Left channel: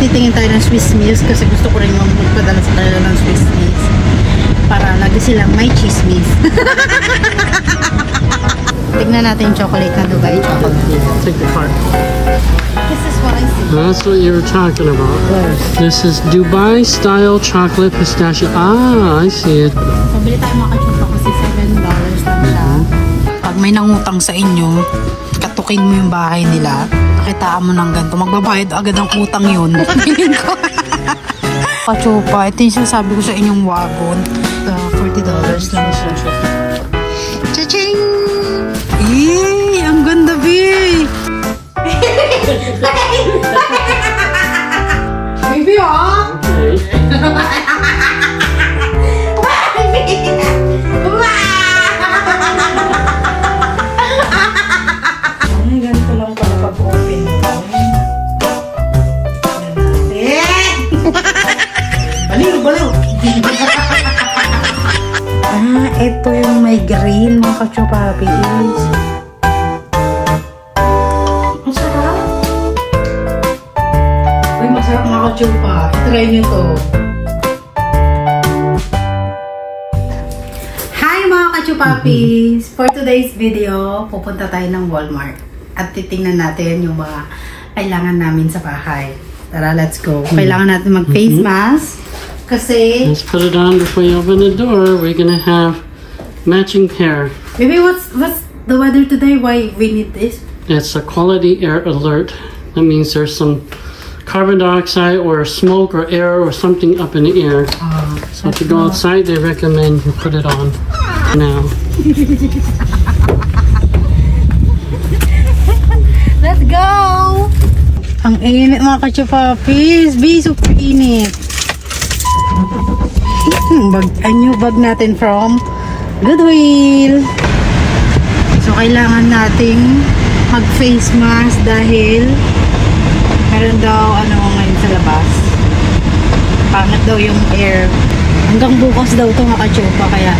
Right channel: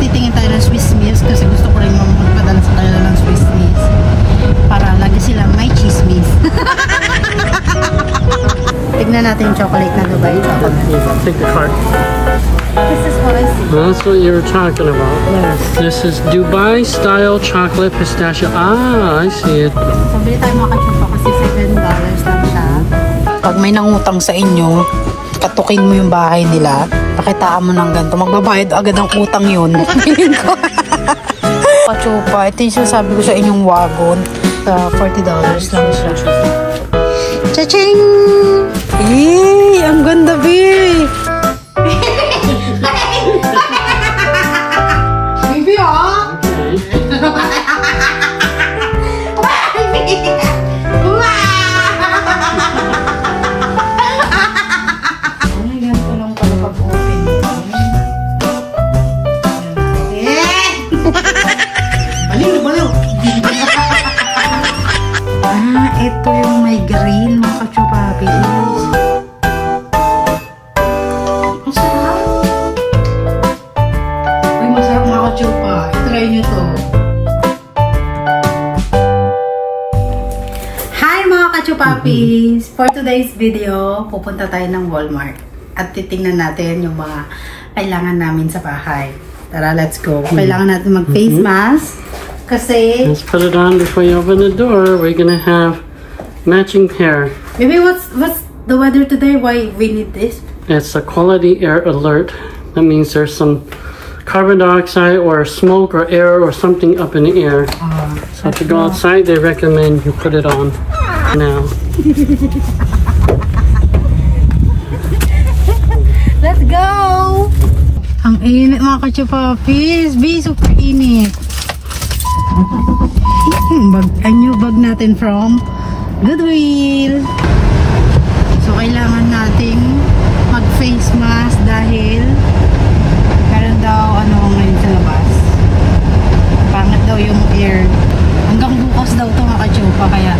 titingin tayo ng Swiss Miss kasi gusto ko rin yung magpadala sa kanila ng Swiss Miss. Para lagi silang may chismis. Tignan natin yung chocolate na Dubai chocolate. Take the card. This is what I see. That's what you were talking about. Yes. This is Dubai style chocolate pistachio. Ah, I see it. So, bili tayo mga kachupa kasi $7 lang siya. Pag may nangutang sa inyo, katukin mo yung bahay nila, pakitaan mo ng ganito, magbabayad agad ang utang yun. Kachupa, ito yung sabi ko sa inyong wagon. $40 lang siya. Cha-ching! Eh, ang ganda, Bi! Baby, oh! Ganito lang pala pag-open mo. Baliw! Ito yung may green, mga kachupapis. Ang sarap. Uy, masarap mga kachupa. I-try nyo to. Hi mga kachupapis! For today's video, pupunta tayo ng Walmart. At titingnan natin yung mga kailangan namin sa bahay. Tara, let's go. Kailangan natin mag-face mask. Kasi... Let's put it on before you open the door. We're gonna have matching pair. Maybe what's the weather today? Why we need this? It's a quality air alert. That means there's some carbon dioxide or smoke or air or something up in the air. So if you go outside, they recommend you put it on now. Let's go! Ang init mga kachupapis. Super init. A new bag natin from Goodwill. So, kailangan nating mag-face mask dahil meron daw ngayon sa labas. Pangit daw yung air. Hanggang bukas daw ito mga kachupa. Kaya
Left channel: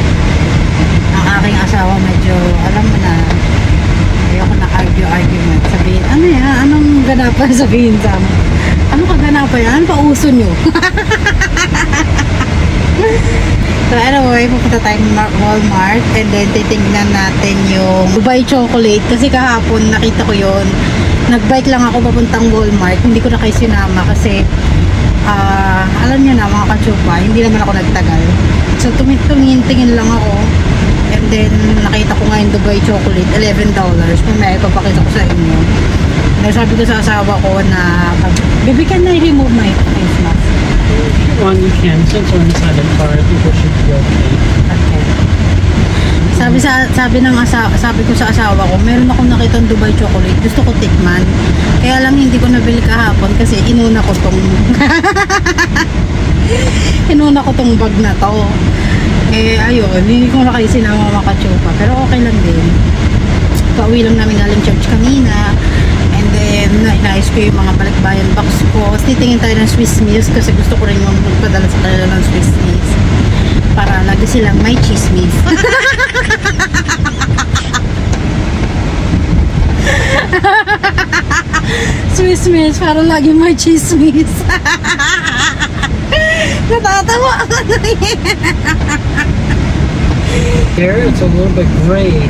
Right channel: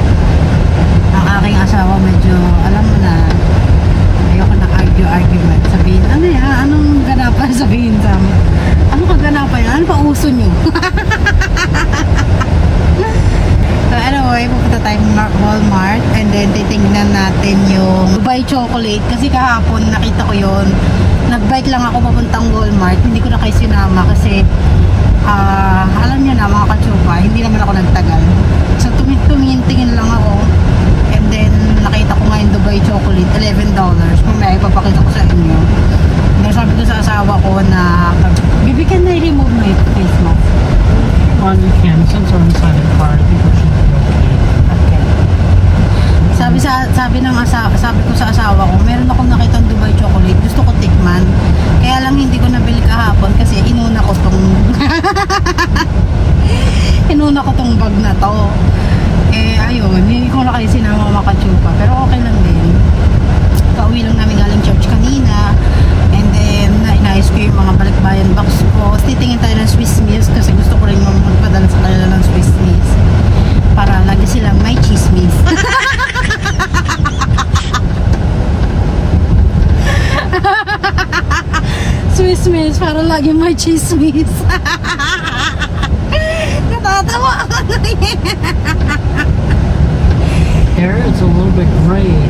ang aking asawa medyo, alam mo na, ayoko na argument. Sabihin, ano yan? Anong ganapan sabihin sa amin? Ano kaganapan yan? Ano pa uso nyo? So anyway, pupunta tayo Walmart and then titingnan natin yung Dubai chocolate kasi kahapon nakita ko yun. Nag-bike lang ako papuntang Walmart, hindi ko na kayo sinama kasi alam nyo na mga kachupa, hindi naman ako nagtagal. So tingin lang ako and then nakita ko nga yung Dubai chocolate, $11. Mamaya ipapakita ko sa inyo. And sabi ko sa asawa ko na, baby, can I remove my face mask? Well, you can. Since we're inside the car, I think it should be okay. Okay. Sabi ko sa asawa ko, meron akong nakitang Dubai chocolate. Gusto ko tikman. Kaya lang hindi ko nabili kahapon kasi inuna ko tong bag na to. Eh, ayun. Hindi ko na kayo sinama makachupa. Pero okay lang din. Pauwi lang namin galing church kanina. And then, naayos ko yung mga balikbayan box ko. Titingin tayo ng Swiss Miss kasi gusto ko rin yung magpadala sa kanila ng Swiss Miss. Para lagi silang may chismis. Swiss Miss, para lagi may chismis. Natatawa ako na yan. Here, it's a little bit gray.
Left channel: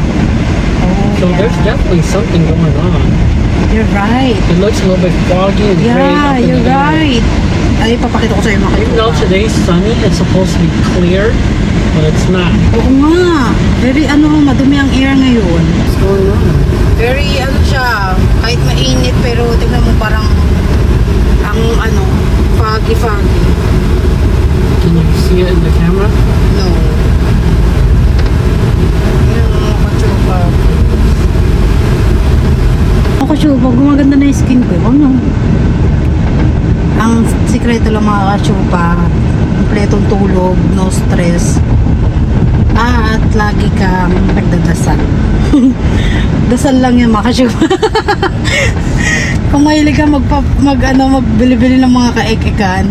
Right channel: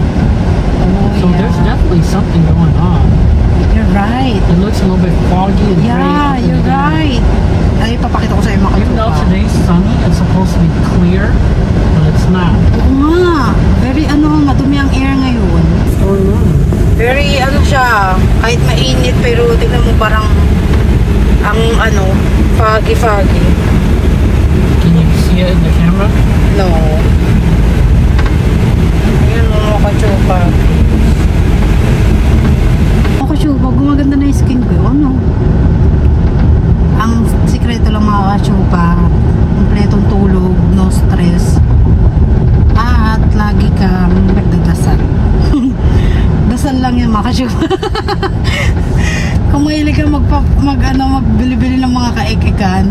So there's definitely something going on. You're right. It looks a little bit foggy and gray. Yeah, you're right. Ay, papakita ko sa iyo mga Even though today's sunny, it's supposed to be clear, but it's not. Oo nga. Very madumi ang air ngayon. What's going on? Very siya, kahit mainit pero tingnan mo parang ang foggy. Can you see it in the camera? No. Yan mga kachupa. Mga kachupa, gumaganda na yung skin ko. Ang sikreto lang mga kachupa, kompletong tulog, no stress, at lagi kang nagdadasal. Dasal lang yan mga kachupa. Kung mahilig ka magbili-bili ng mga kaek-ekan,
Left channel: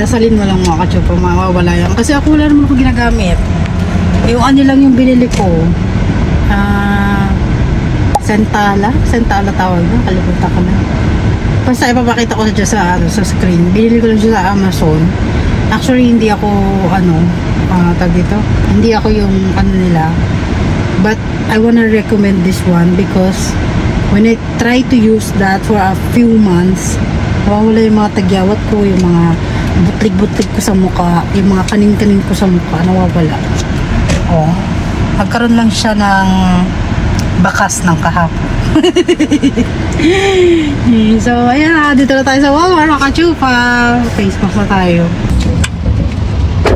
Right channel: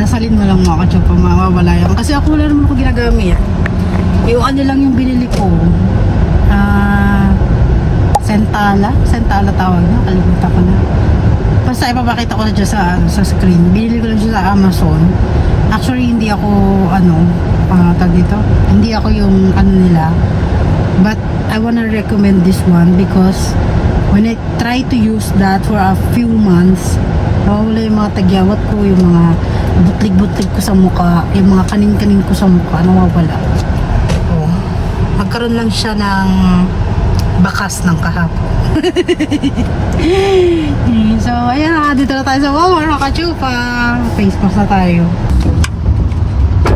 dasalin mo lang mga kachupa, mawawala yan. Kasi ako wala naman ako ginagamit. Yung lang yung binili ko. Sentala tawag na, kalimutan ko na. Basta ipapakita ko na dyan sa screen. Binili ko lang siya sa Amazon. Actually, hindi ako, tag dito. Hindi ako yung nila. But, I wanna recommend this one because when I try to use that for a few months, nawawala yung mga tagyawat ko, yung mga butlig-butlig ko sa mukha, yung mga kanin-kanin ko sa mukha, nawawala. Oh. Magkaroon lang siya ng bakas ng kahapon. So, ayan na. Dito na tayo sa Walmart, makachupa. Face mask na tayo.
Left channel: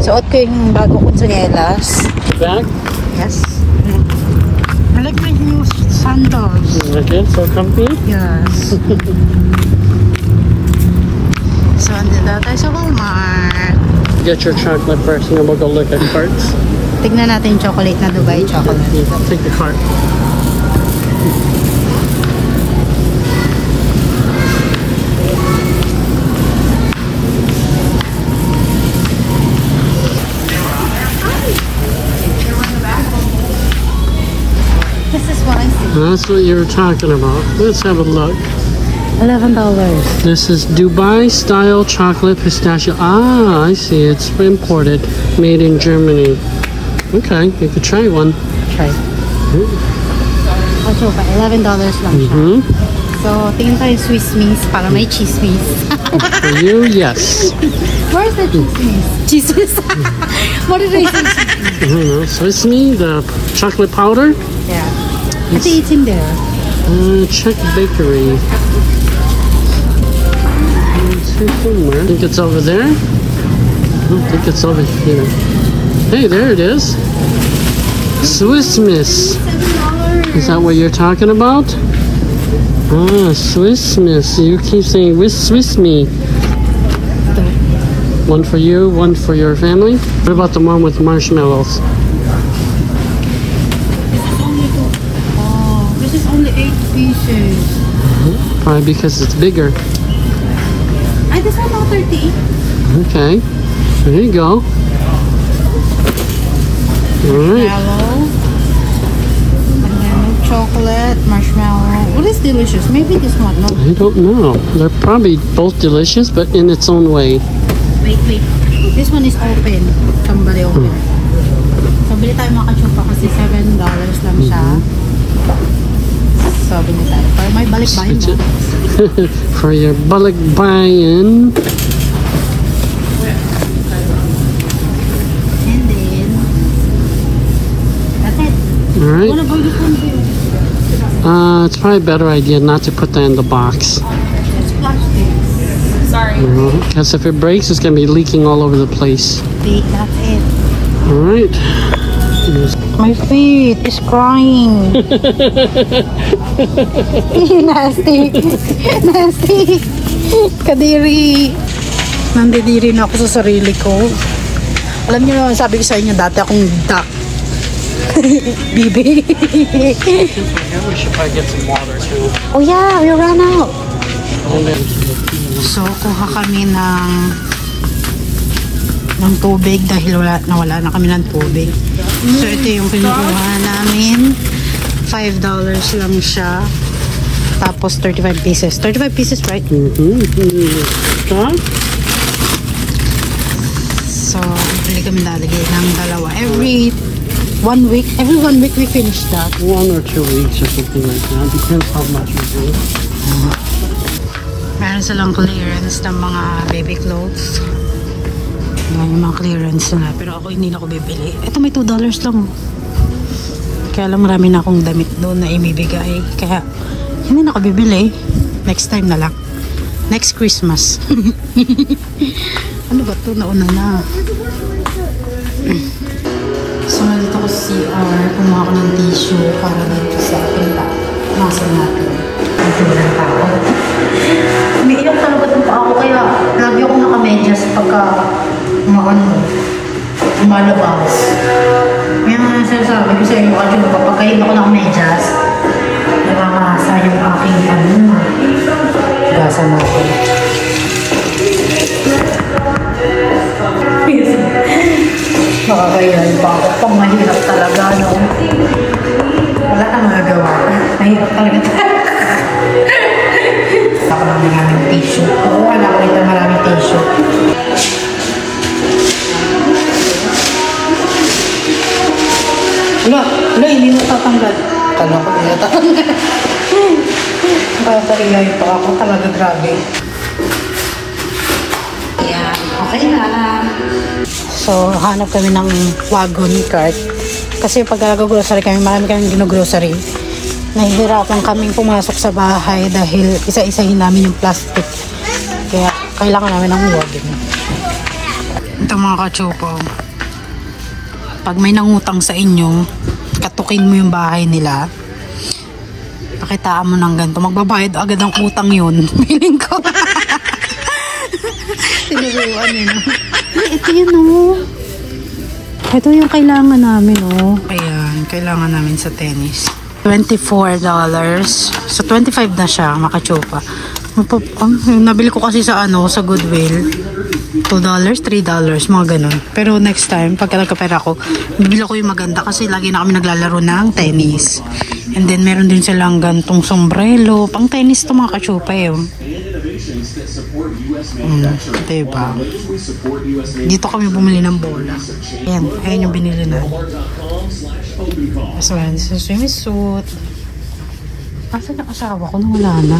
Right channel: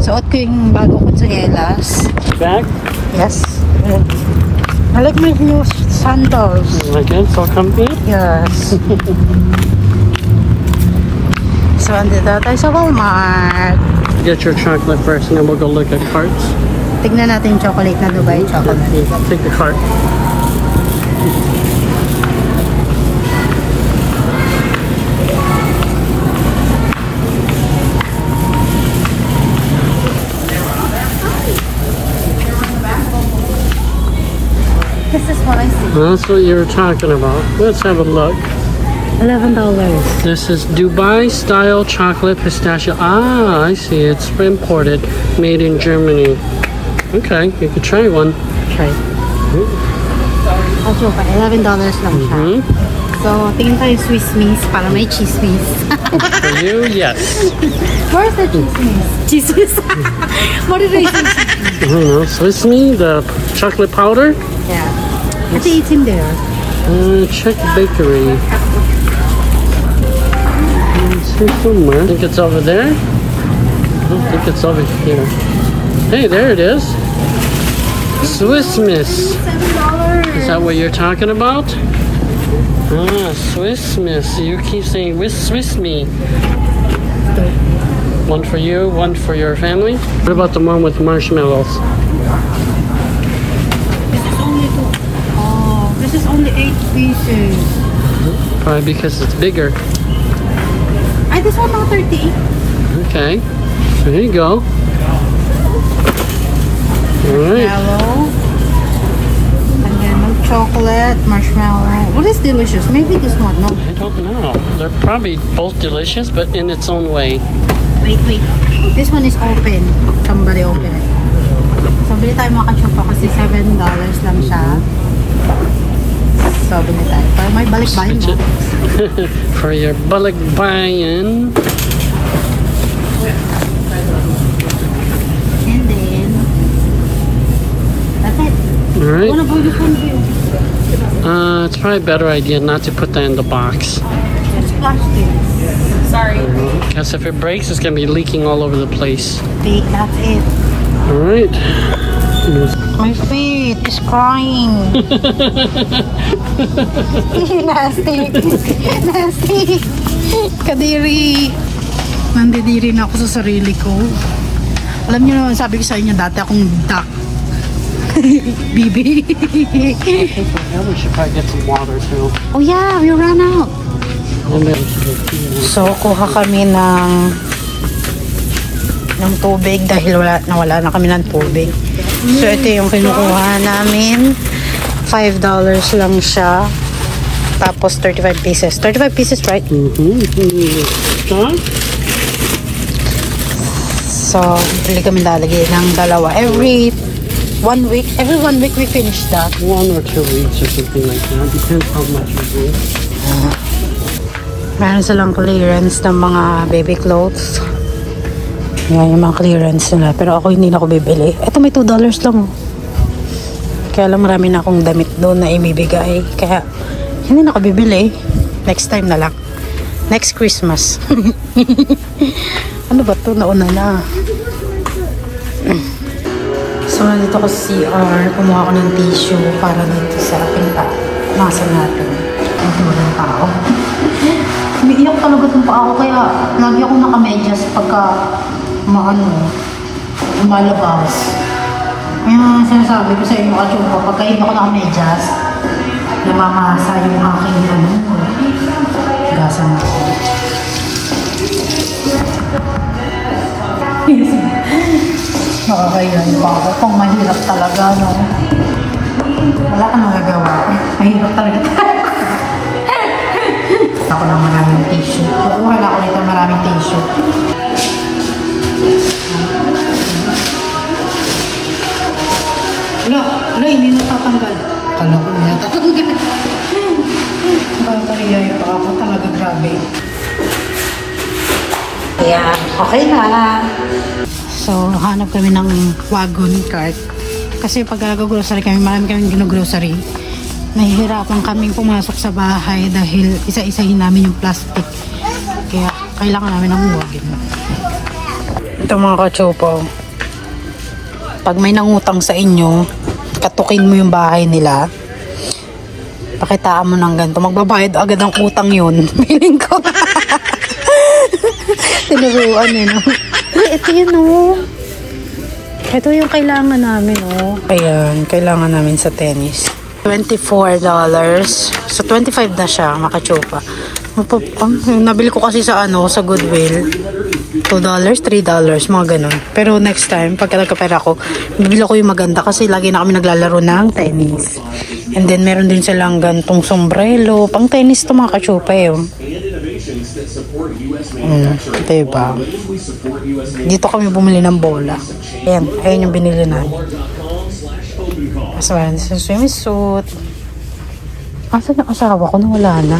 Suot ko yung bago kong tsinelas. Bag? Yes. I like my new sandals. Like that? So comfy? Yes. So, andito na tayo sa Walmart. Get your chocolate first and then we'll go look at carts. Tignan natin yung chocolate na Dubai chocolate. Yeah, take the cart. This is what I see. That's what you were talking about. Let's have a look. $11. This is Dubai style chocolate pistachio. Ah, I see. It's imported, made in Germany. Okay, you could try one. Try. Also, $11 lang siya. So, tingin tayo Swiss Miss para may chismis. For you, yes. Where's the chismis? Chismis? What did I say? I don't know. Swiss Me, the chocolate powder? Yeah. Kasi it's in there. Check bakery. Somewhere. I think it's over there. I don't think it's over here. Hey, there it is. Swiss Miss. $7. Is that what you're talking about? Ah, Swiss Miss. You keep saying Swiss Me. One for you, one for your family. What about the one with marshmallows? This is only this is only 8 pieces. Probably because it's bigger. Ay, this one now 30. Okay. There you go. Alright. Marshmallow. And then milk chocolate, marshmallow. What is delicious? Maybe this one, no? I don't know. They're probably both delicious, but in its own way. Wait. This one is open. Somebody open. So, bili tayo mga kachupa kasi $7 lang siya. So, bili tayo. Para may balik-bayin mo. For your balikbayan. And then, that's it. Alright. What about the phone view? It's probably a better idea not to put that in the box. It's plastic. Sorry. Because if it breaks, it's going to be leaking all over the place. Wait, that's it. Alright. My feet is crying. Nasty. Nasty. Kadiri. Nandidiri na ako sa sarili ko. Alam niyo naman, sabi ko sa inyo, dati akong duck. Bibi. We should probably get some water too. Oh yeah, we ran out. So, kuha kami ng tubig dahil wala na kami ng tubig. So, ito yung kinukuha namin. $5 lang siya. Tapos, 35 pieces. 35 pieces, right? So, bili kami lalagay ng dalawa. Every 1 week we finish that. 1 or 2 weeks or something like that. Depends how much you do. Meron silang clearance ng mga baby clothes. Yan yung mga clearance nila. Pero ako hindi na ako bibili. Ito may $2 lang. Kaya lang marami na akong damit doon na imibigay. Kaya hindi na ako bibili. Next time na lang. Next Christmas. Ano ba ito? Nauna na. So, dito ko sa CR. Kumuha ko ng tissue para dito sa pinaka-muscle natin. Medyo walang tao. Umiiyak talaga itong paa ko. Kaya lagi ako nakamedyas pagka umalabas. Kaya sinasabi ko sa inyo kasi pagka hindi ako nakamedyas, namamasa yung aking gasa na ako. Nakakayahan pa ako. Pang mahirap talaga, no? Wala kang magagawa. Mahirap talaga. Saka naman Nakakariyan pa ako talaga, grabe. Ayan, okay na. So, hanap kami ng wagon cart. Kasi pag nag-grocery kami, marami kaming gino-grocery. Nahihirapan kaming pumasok sa bahay dahil isa-isahin namin yung plastic. Kaya kailangan namin ng wagon. Ito mga kachopo. Pag may nangutang sa inyo, katukin mo yung bahay nila. Pakitaan mo ng ganito. Magbabayad agad ang utang yun. Feeling ko. Tinuruan yun. Ito yun o. Ito yung kailangan namin o. Ayan, kailangan namin sa tennis. $24. So, 25 na siya, makachupa. Nabili ko kasi sa sa Goodwill. $2, $3, mga ganun. Pero next time, pagka nagkapera ko, bibili ko yung maganda kasi lagi na kami naglalaro ng tennis. And then, meron din silang gantong sombrero. Pang tennis to mga kachupa eh. Diba? Dito kami bumili ng bola. Ayan yung binili natin. Tapos meron din sa swimsuit. Asan yung asawa ko? Nawala na.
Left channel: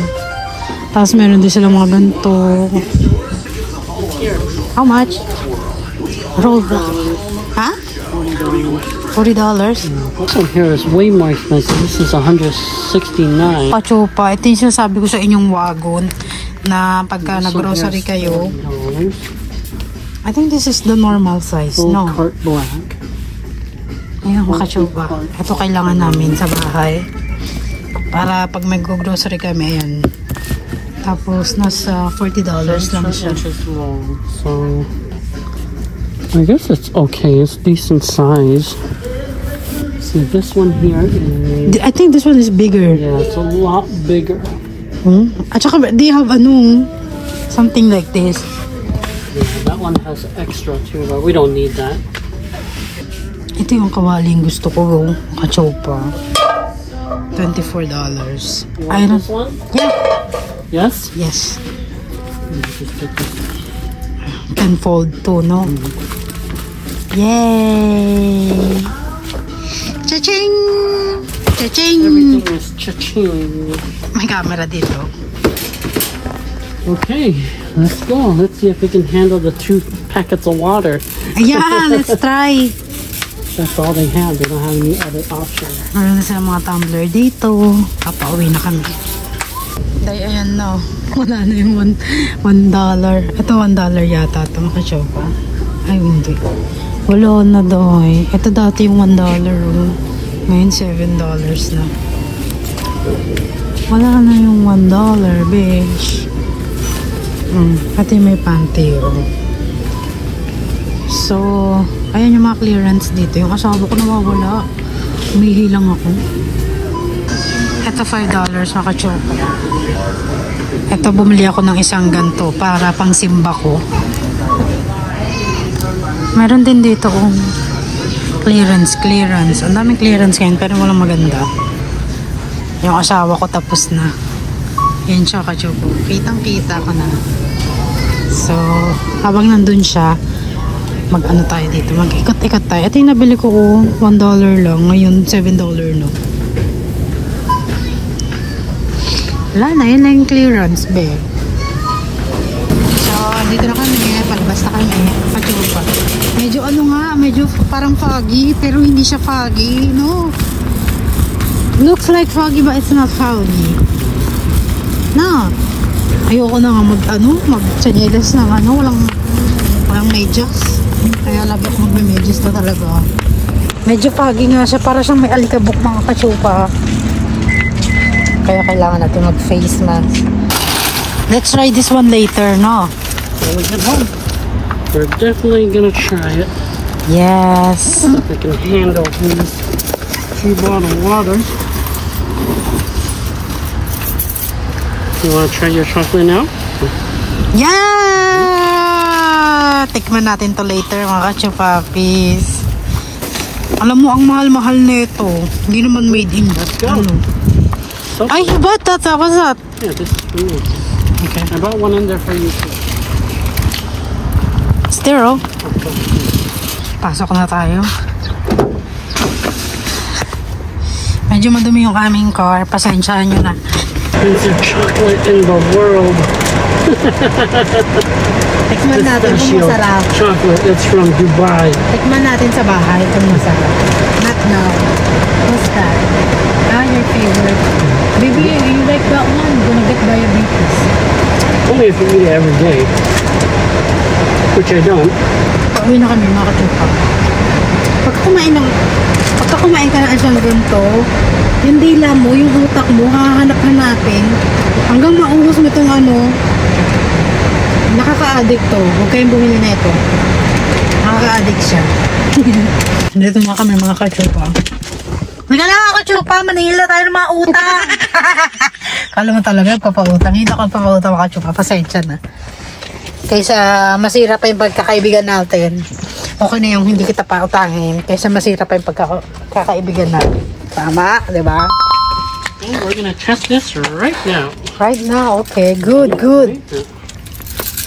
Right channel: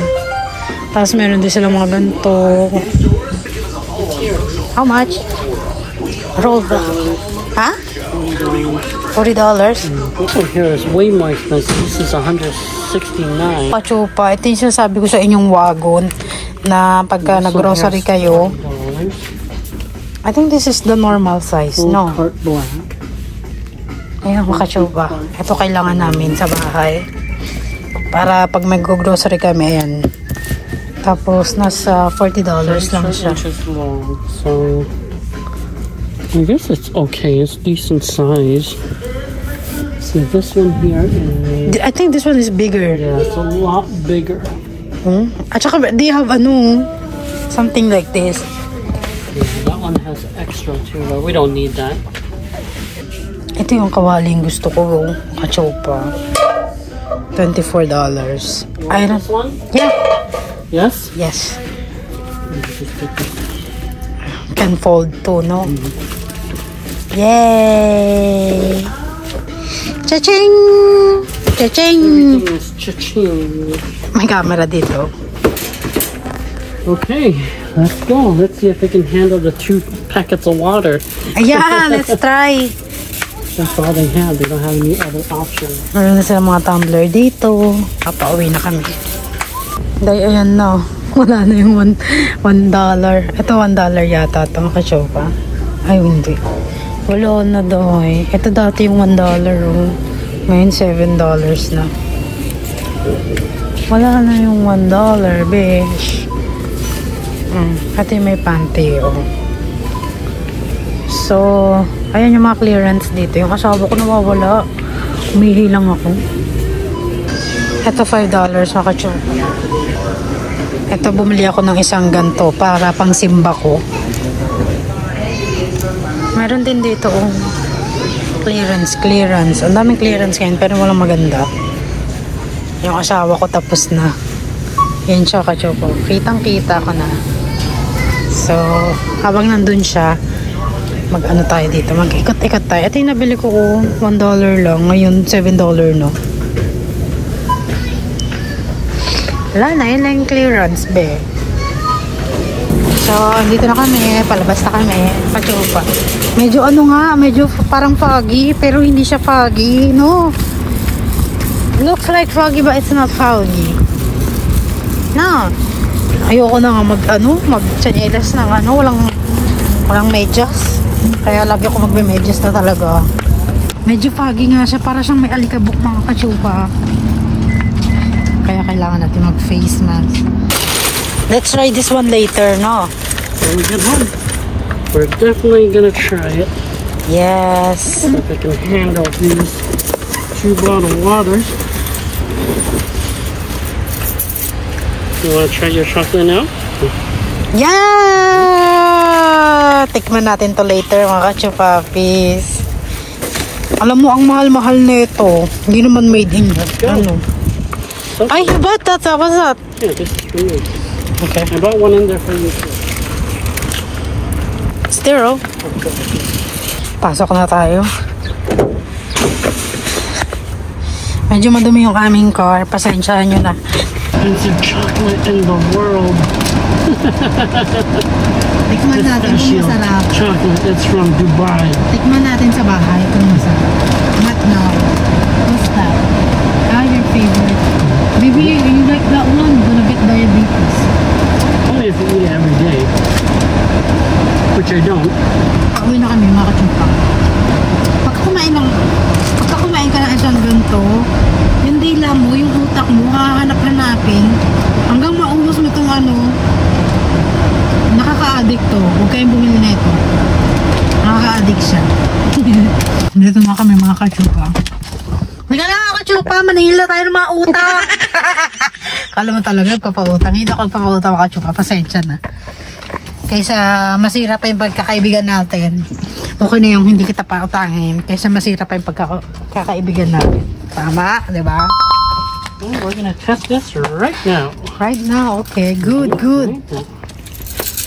Tapos meron din silang mga ganito. How much? Roll back. Ha? $40? This one here is way more expensive. This is $169. Pachupa. Ito yung sinasabi ko sa inyong wagon na pagka nag-grocery kayo. I think this is the normal size, Full no? cart black. Ayan, makachupa. Ito kailangan namin sa bahay. Para pag mag-grocery kami, ayan. Tapos, nasa $40 lang siya. So, I guess it's okay. It's decent size. See, this one here is... I think this one is bigger. Yeah, it's a lot bigger. At saka, do you have something like this? Yeah, that one has extra too, but we don't need that. Ito yung kawaling gusto ko, kachopa. $24. I don't... This one? Yeah. Yes? Yes. Can fold too, no? Yay! Cha-ching! Cha-ching! Everything is cha-ching. May camera dito. Okay, let's go. Let's see if we can handle the 2 packets of water. Yeah, let's try. That's all they have. They don't have any other option. Meron na sila mga tumbler dito. Papauwi na kami. Dahil ayan na. Wala na yung $1. Ito $1 yata. Ito makachopa. Ay, hindi. Wala na doy. Ito dati yung $1. Oh. Ngayon $7 na. Wala na yung $1, bitch. At yung may panty. Oh. So, ayan yung mga clearance dito. Yung asawa ko nawawala. Umihi lang ako. Ito $5 makachopa. Ito bumili ako ng isang ganto para pang simba ko. Meron din dito clearance. Ang daming clearance ngayon pero walang maganda. Yung asawa ko tapos na. Yan siya kachopa. Kitang-kita ko na. So, habang nandun siya, mag-ano tayo dito. Mag-ikot-ikot tayo. Ito yung nabili ko $1 lang. Ngayon $7 no. Wala na, yun na yung clearance, be. So, dito na kami. Palabas na kami. Kachupa. Medyo medyo parang foggy, pero hindi siya foggy, no? Looks like foggy, but it's not foggy. No. Ayoko na nga mag-chanelas ng walang medyas. Kaya lagi ako magme-medyas na talaga. Medyo foggy nga siya, para siyang may alikabok mga kachupa. Kaya kailangan natin mag-face mask. Let's try this one later, no? When we get home, we're definitely gonna try it. Yes. If we can handle these 2 bottle waters. You wanna try your chocolate now? Yeah! Tikman natin to later, mga kachupapis. Alam mo, ang mahal-mahal nito. Hindi naman made in Ay, what? What's that? Yeah, this is for you. Okay. I bought one in there for you too. Stereo. Pasok na tayo. Medyo madumi yung aming car. Pasensyahan nyo na. expensive chocolate in the world. Tikman natin kung Pistachio masarap. chocolate. It's from Dubai. Tikman natin sa bahay kung masarap. Not now. What's that? Ah, your favorite. Baby, you like that one? Gonna get diabetes. Only if you eat it every day. Which I don't. Pauwi na kami mga kachupa. Pagka kumain ka na isang ganito, yung dila mo, yung utak mo, hahanap na natin hanggang maubos mo itong nakaka-addict to. Huwag kayong bumili na ito. Nakaka-addict siya. Dito nga kami mga kachupa. Mga na kachupa, manila tayo ng mga utang. Kala mo talaga papautang. Hindi ako papautang mga kachupa. Pasensya na. Kaysa masira pa yung pagkakaibigan natin. Okay na yung hindi kita pautangin. Kaysa masira pa yung pagkakaibigan natin. Tama, di ba? Okay, we're gonna test this right now. Right now, okay. Good, good.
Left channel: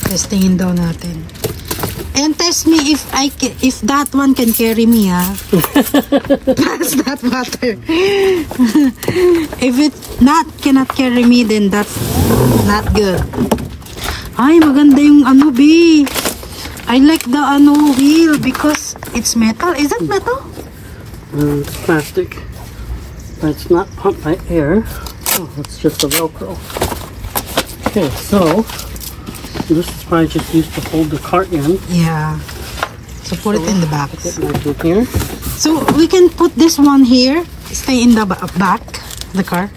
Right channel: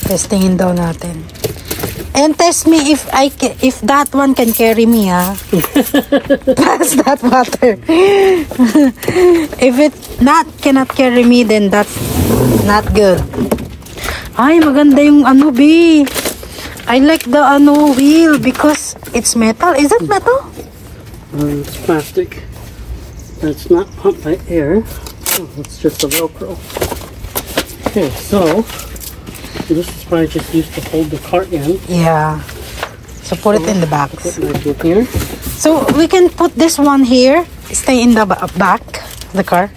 Testingin daw natin. And test me if that one can carry me, ha? Pass that water. If it cannot carry me, then that's not good. Ay, maganda yung B. I like the wheel because it's metal. Is it metal? It's plastic. It's not pumped by air. Oh, it's just a Velcro. Okay, so this is probably just used to hold the cart in. Yeah. So put it in the box. Put it right here. So we can put this one here. Stay in the back, the car.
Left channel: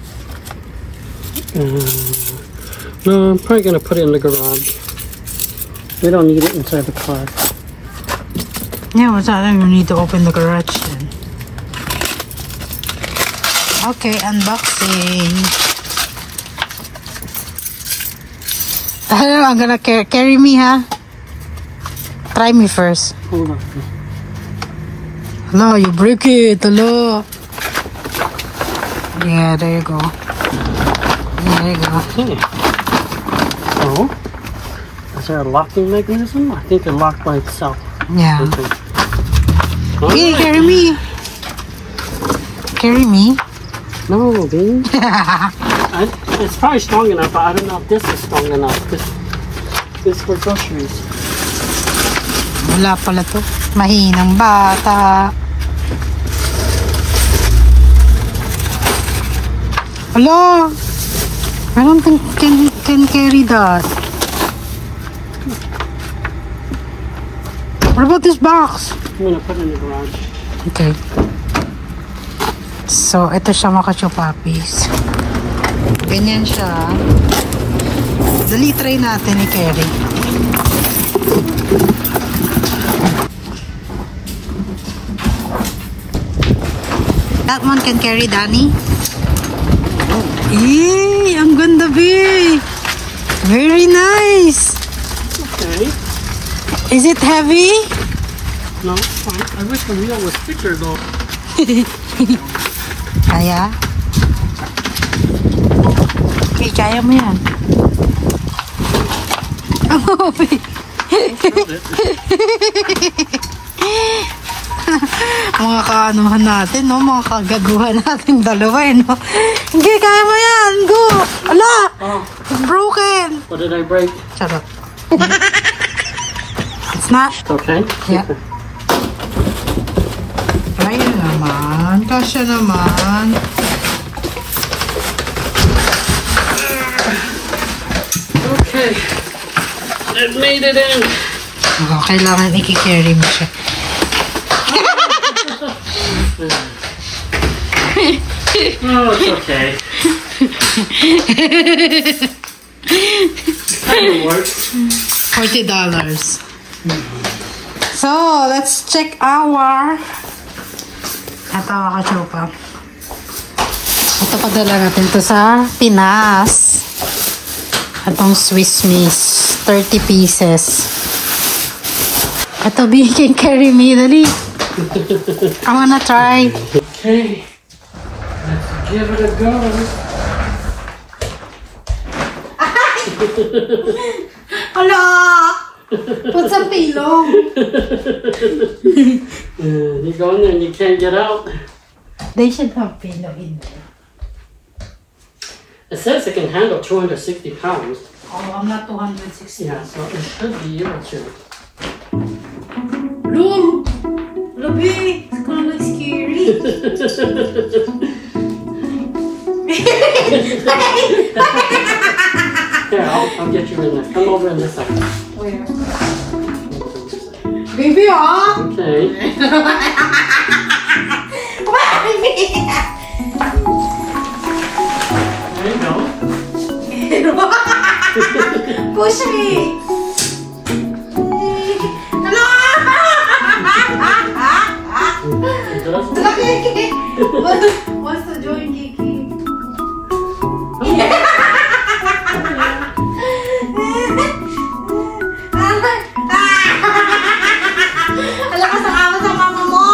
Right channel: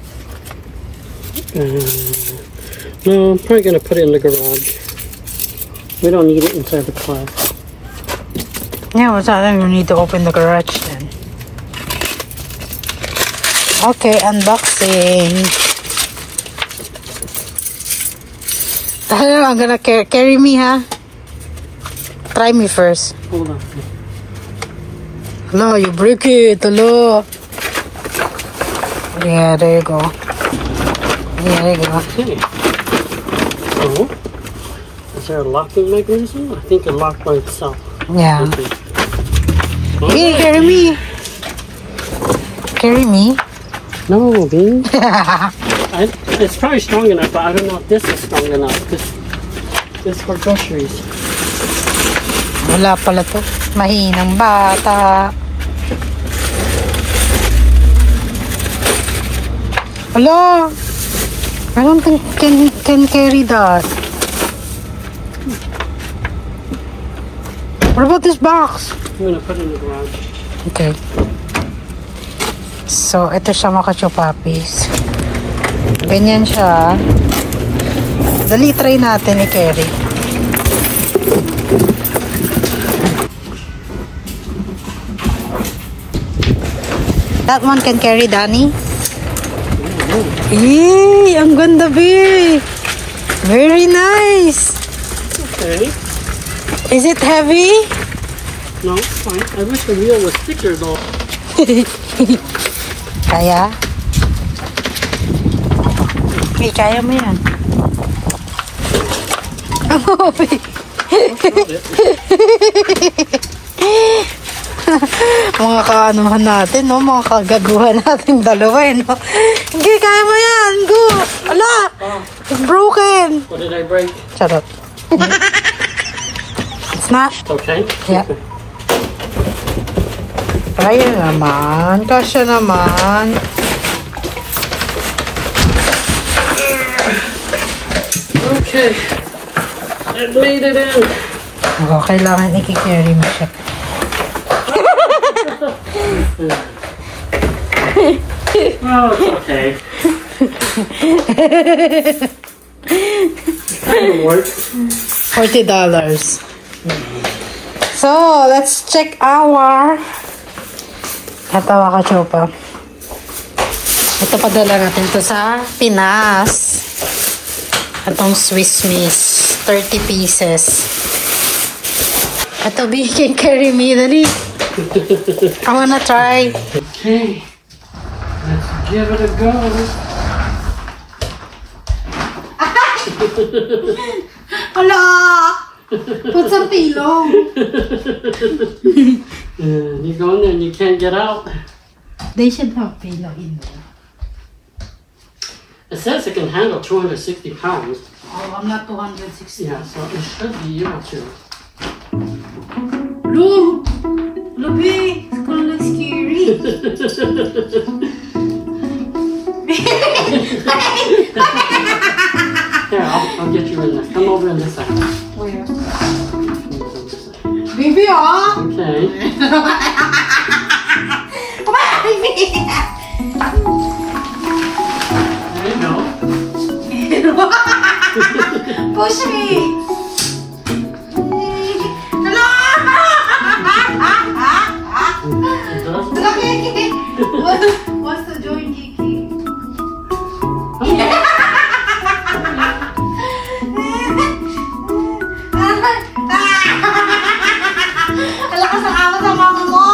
No, I'm probably gonna put it in the garage. We don't need it inside the car. Yeah, what's that? You need to open the garage then. Okay, unboxing. I'm gonna carry me, huh? Try me first. Hold on. No, you break it. Hello. Yeah, there you go. There you go. Okay. So, is there a locking mechanism? I think it locked by itself. Yeah. Okay. Hey, carry me. Carry me. No, Bean. It's probably strong enough, but I don't know if this is strong enough. This is for groceries. Wala pala to. Mahinang bata. Hello. I don't think can carry that. What about this box? I'm gonna put it in the garage. Okay. So, ito siya mga kachupapis. Ganyan siya. Dali, try natin i-carry. That one can carry, Danny? Yay! Ang ganda, be! Very nice! Okay. Is it heavy? No, fine. I wish the wheel was thicker though. Kaya? Okay, kaya mo yan. Mga kaanuhan natin, no? Mga kagaguhan natin dalawa, no? Hindi, kaya mo yan! Go! Ala! It's broken! What did I break? Shut up. It's not? Okay. Yeah. Ayun naman. Kasya naman. Okay. I made it in. Oo, kailangan i-carry mo siya. Oh, it's okay. That works. $40. So, let's check our ito mga kachupa. Ito padala natin to sa Pinas. Itong Swiss Miss. 30 pieces. Ito, B, can carry me. Dali. I wanna try. Okay. Let's give it a go. Hala! Put some pillow. You go in there and you can't get out. They should have pillow in there. It says it can handle 260 pounds. Oh, I'm not 260. Yeah, so it should be able to. Look! Labi! It's kind of like scary. Here, I'll get you in there. Come over in a second. Where? Baby, ah! Okay. There you go. Push me! It does. What's the joint, Kiki? Alakas ang amat ang mama mo!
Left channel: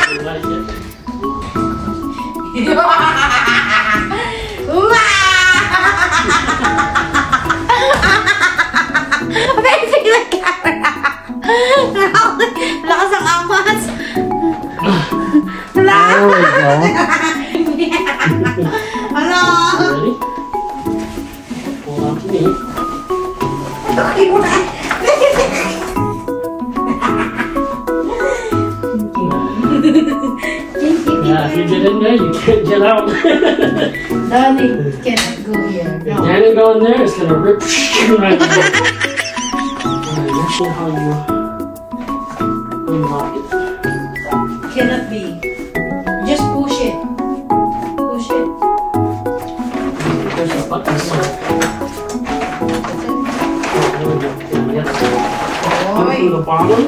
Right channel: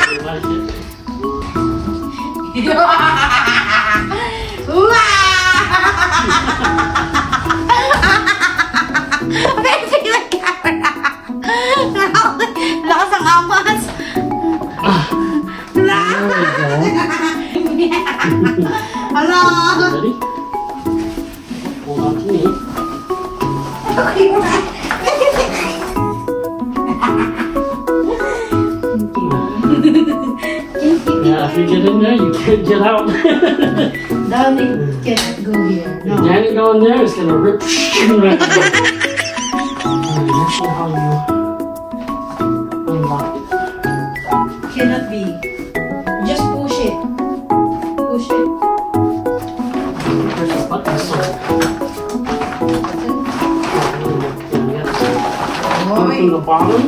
You like it? Lakas ang amas! There we go. Hello! Ready? Hold on to me. Yeah, if you get in there, you can't get out. Darling, can't go here. No. Danny go in there, it's gonna rip right out. Alright, let's see how you unlock it. Cannot be. Just push it. Push it. Push the button, so. From the bottom.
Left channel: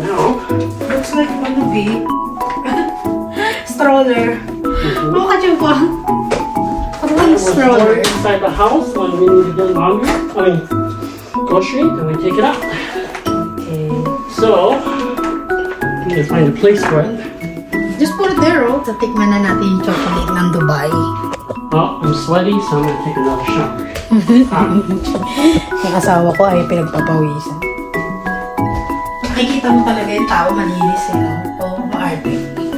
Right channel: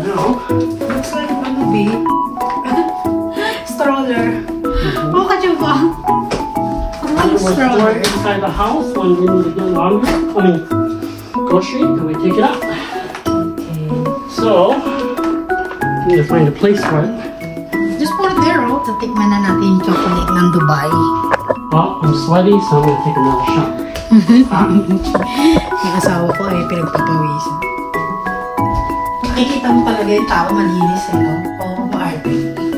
Now. Looks like a movie. Stroller. Oh, kachupa. What stroller? Inside the house when we need to get laundry, grocery, and we take it out. Okay. So, we need to find a place for it. Just put it there, oh. Tatikman na natin yung chocolate ng Dubai. Well, I'm sweaty, so I'm gonna take another shower. Yung asawa ko ay pinagpapawisan. Nakikita mo talaga yung tao malinis eh, no? Oo, maarte.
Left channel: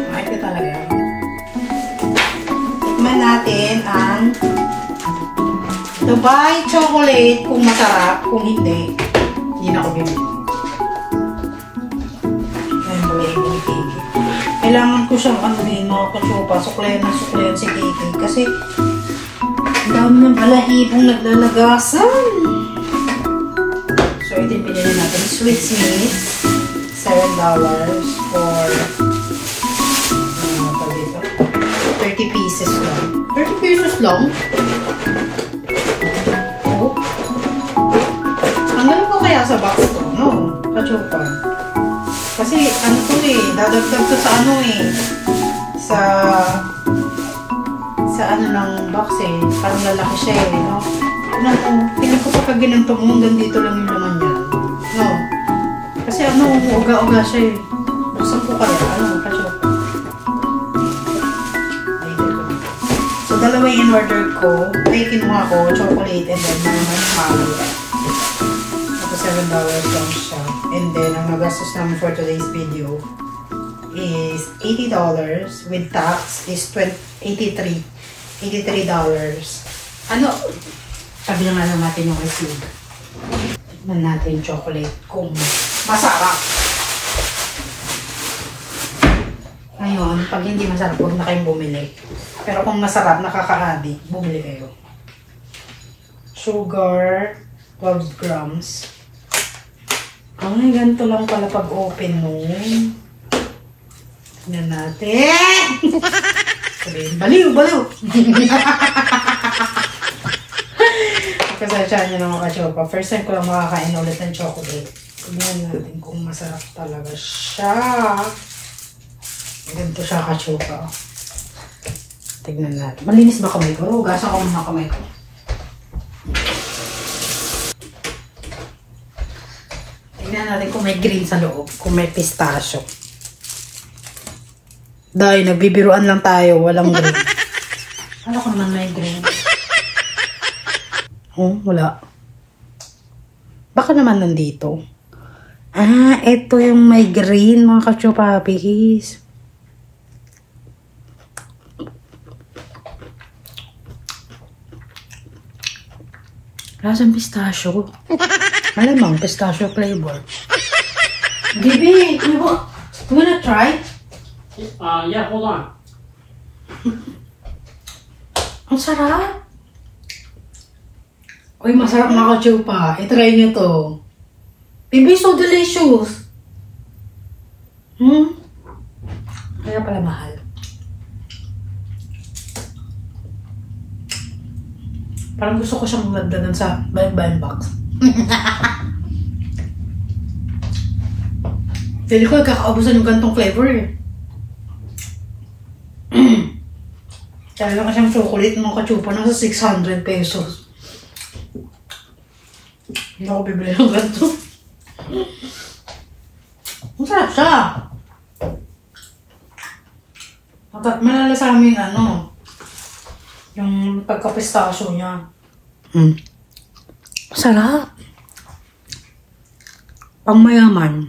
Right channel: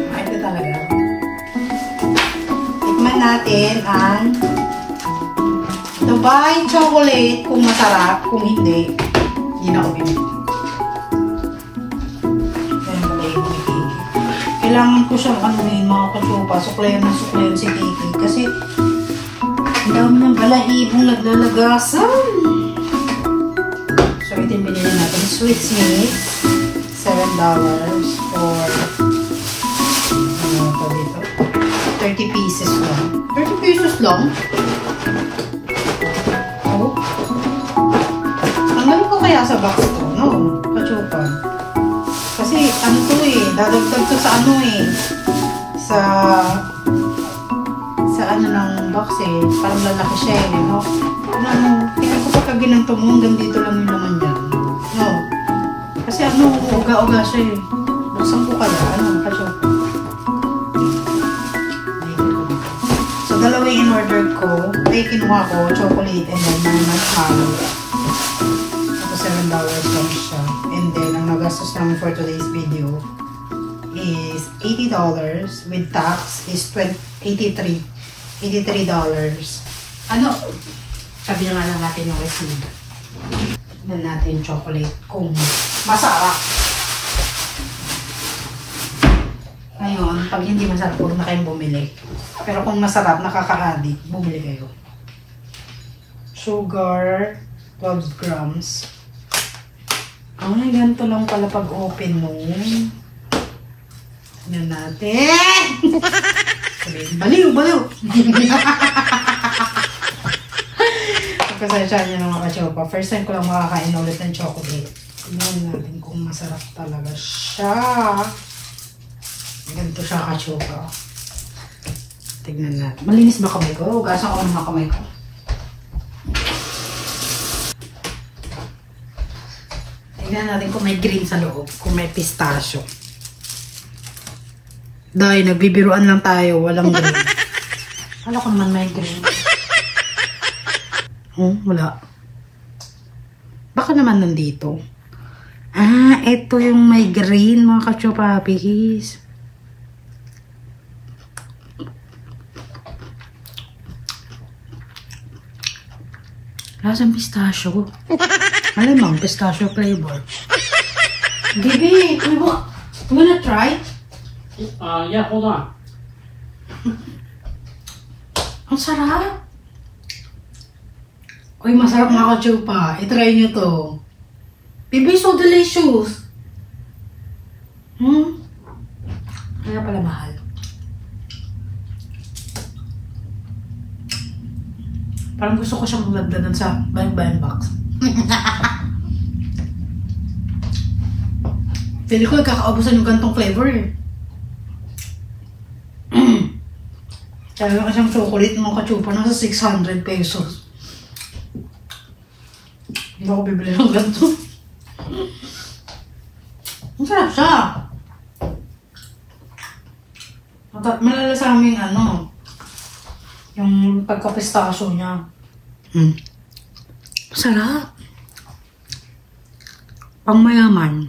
Maarte talaga. Tikman natin ang Dubai chocolate kung masarap, kung hindi, hindi na ako bibili. Yan pala yung Kiki. Kailangan ko siyang anuhin mga kachupa, suklayan na suklayan si Kiki kasi ang dami ng balahibong naglalagasan. So, ito yung pinili natin. Sweet Smith. $7 for 30 pieces lang. 30 pieces lang? Oh. Ang gano'n ko kaya sa box to, no? Kachupa. Kasi, ano to eh, dadagdag to sa ano eh. Sa ano ng box eh. Parang lalaki siya eh, no? Tingnan ko pagka ginanto mo, hanggang dito lang yung laman dyan. No? Kasi ano, uga-uga siya eh. Buksan ko kaya, ano, kachupa. So, dalawa yung in-order ko. Ay, kinuha ko, chocolate and then manhalo. Tapos $7 lang siya. And then, ang nagastos namin for today's video is $80 with tax is $83. Ano? Sabi na nga lang natin yung receipt. Tignan natin yung chocolate kung masarap. Ngayon, pag hindi masarap, huwag na kayong bumili. Pero kung masarap, nakaka-addict, bumili kayo. Sugar, 12 grams. Ay, ganito lang pala pag-open nun. Tignan natin. Sabihin, baliw, baliw. Pasensya nyo na mga kachopa. First time ko lang makakain ulit ng chocolate. Tignan natin kung masarap talaga siya. Ganito siya kachopa. Tignan natin. Malinis ba kamay ko? Hugasan ko muna kamay ko. Tignan natin kung may green sa loob. Kung may pistachio. Dahil nagbibiruan lang tayo. Walang green. Ano ko naman may green? Oh, wala. Baka naman nandito. Ah, ito yung may green mga kachupapis. Lasang pistachio. Malamang pistachio flavor. Bibi, you wanna try? Yeah, hold on. Ang sarap. Uy, masarap mga kachupa. I-try nyo to. Bibi, so delicious. Kaya pala mahal. Parang gusto ko siyang lagdagan sa bayan box. Pili ko kakaaubusan yung gantong flavor eh. Kaya lang siyang chocolate mga kachupa nasa 600 pesos. Hindi ako bibili ng ganito. Ang sarap siya. Malalasaming ano, yung pagka-pistachio niya. Sarap. Pang mayaman.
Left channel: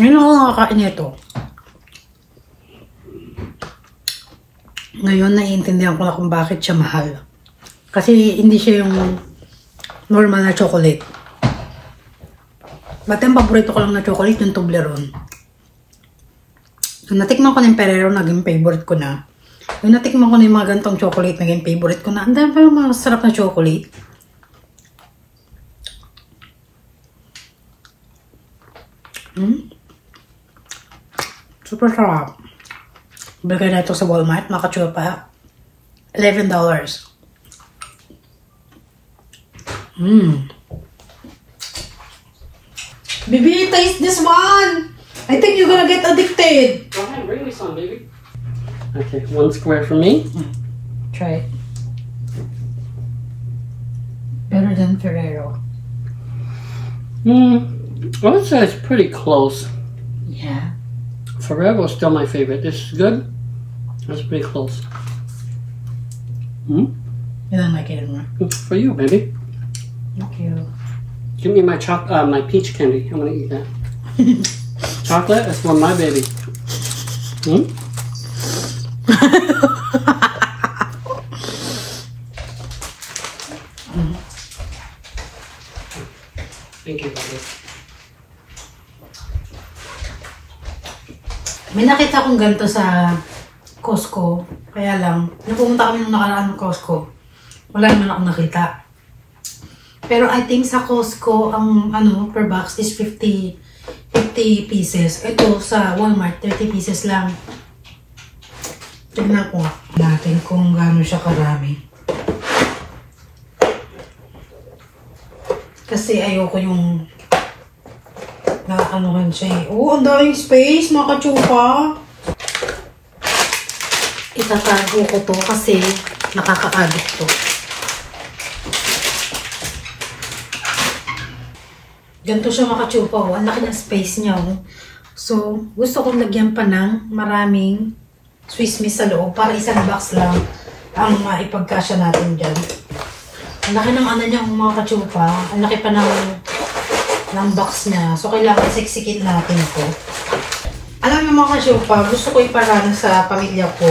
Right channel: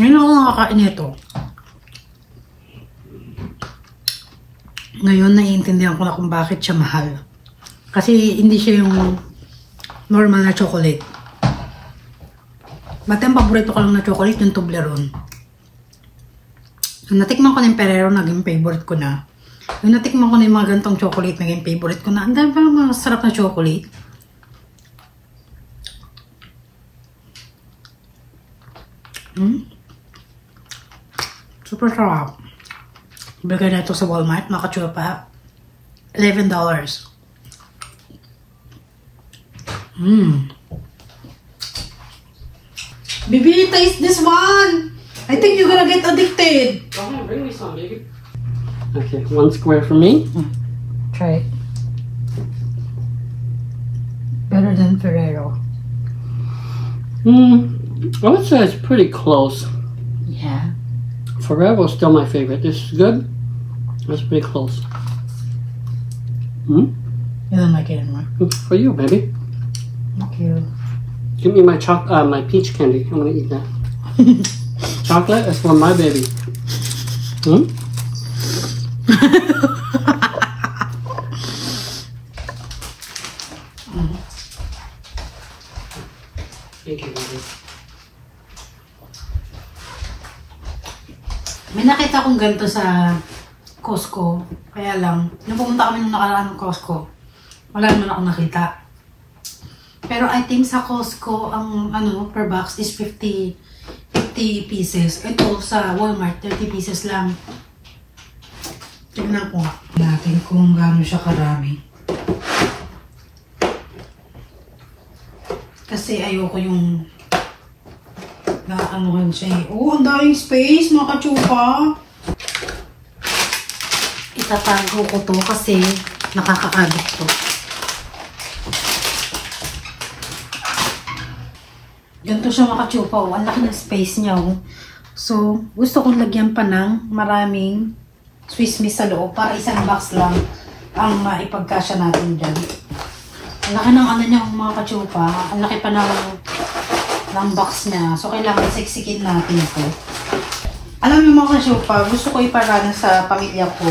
Ngayon ako nakakain nito. Ngayon naiintindihan ko na kung bakit siya mahal. Kasi hindi siya yung normal na chocolate. But yung paborito ko lang na chocolate, yung Toblerone. So, natikman ko na yung Ferrero, naging favorite ko na. Yung natikman ko na yung mga gantong chocolate, naging favorite ko na. Ang dami pa mga sarap na chocolate. Super sarap. Bigay na ito sa Walmart, mga kachupa. $11. Baby, taste this one! I think you're gonna get addicted. Go ahead, bring me some, baby. Okay, 1 square for me. Try it. Better than Ferrero. I would say it's pretty close. Yeah. Ferrero is still my favorite. This is good. That's pretty close. You don't like it anymore. For you, baby. Thank you. Give me my my peach candy. I'm gonna eat that. Chocolate is for my baby. Thank you, baby. May nakita akong ganito sa Costco. Kaya lang, nung pumunta kami nung nakaraan ng Costco, wala naman ako nakita. Pero I think sa Costco, ang ano, per box is 50 pieces. Ito sa Walmart, 30 pieces lang. Tignan ko nga natin kung gaano siya karami. Kasi ayoko yung nakaanuhan siya eh. Oh, ang daming space, mga kachupa. Itatago ko to kasi nakaka-addict to. Ganito siya mga kachupa. Oh. Ang laki ng space niya. Oh. So, gusto kong lagyan pa ng maraming Swiss Miss sa loob para isang box lang ang maipagkasya natin dyan. Ang laki ng ano niya mga kachupa. Ang laki pa ng box niya. So, kailangan isiksikin natin ito. Alam niyo mga kachupa, gusto ko iparana sa pamilya ko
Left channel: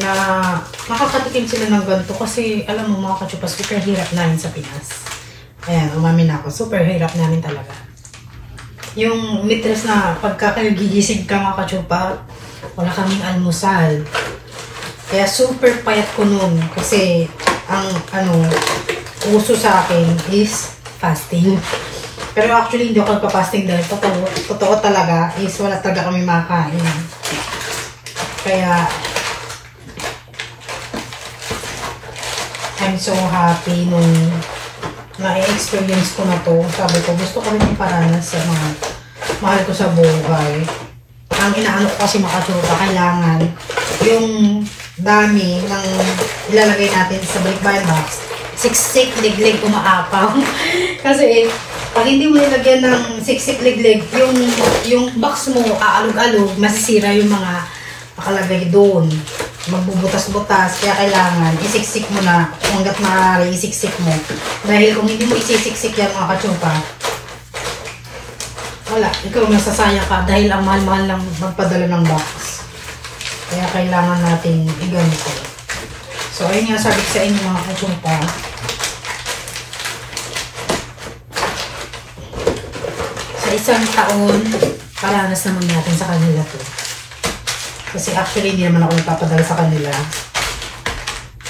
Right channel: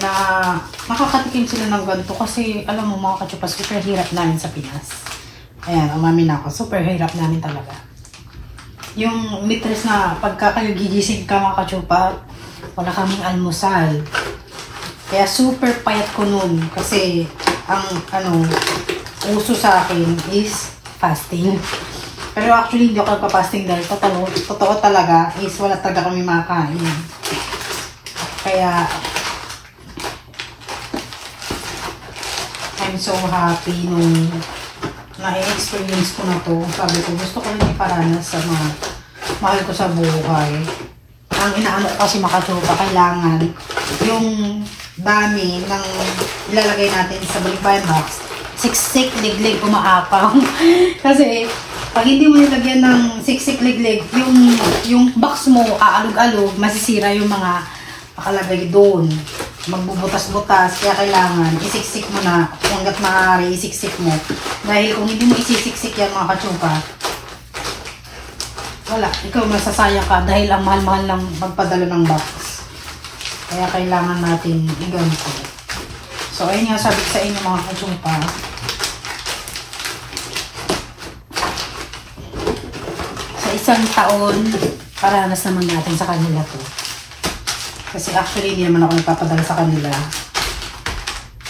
na makakatikim sila ng ganito kasi alam mo mga kachupa, super hirap namin sa Pinas. Ayan, umamin ako. Super hirap namin talaga. Yung mitres na pagka kayo gigising ka mga kachupa, wala kaming almusal. Kaya super payat ko nun kasi ang ano, uso sa akin is fasting. Pero actually hindi ako nagpa-fasting dahil totoo talaga is wala talaga kami makain. Kaya I'm so happy nung na-experience ko na to. Sabi ko, gusto ko rin iparanas sa mga mahal ko sa buhay. Ang inaano ko kasi makachupa, kailangan yung dami ng ilalagay natin sa balikbayan box, siksik, liglig, umaapaw. Kasi pag hindi mo nilagyan ng siksik, liglig, yung box mo aalog-alog, masisira yung mga nakalagay doon. Magbubutas-butas, kaya kailangan isiksik mo na hanggat maaari isiksik mo. Dahil kung hindi mo isisiksik yan mga kachupa, wala, ikaw masasaya ka dahil ang mahal-mahal lang magpadala ng box. Kaya kailangan natin iganito. So, ayun nga sabi ko sa inyo mga kachumpa. Sa isang taon, paranas naman natin sa kanila to. Kasi actually, hindi naman ako nagpapadala sa kanila.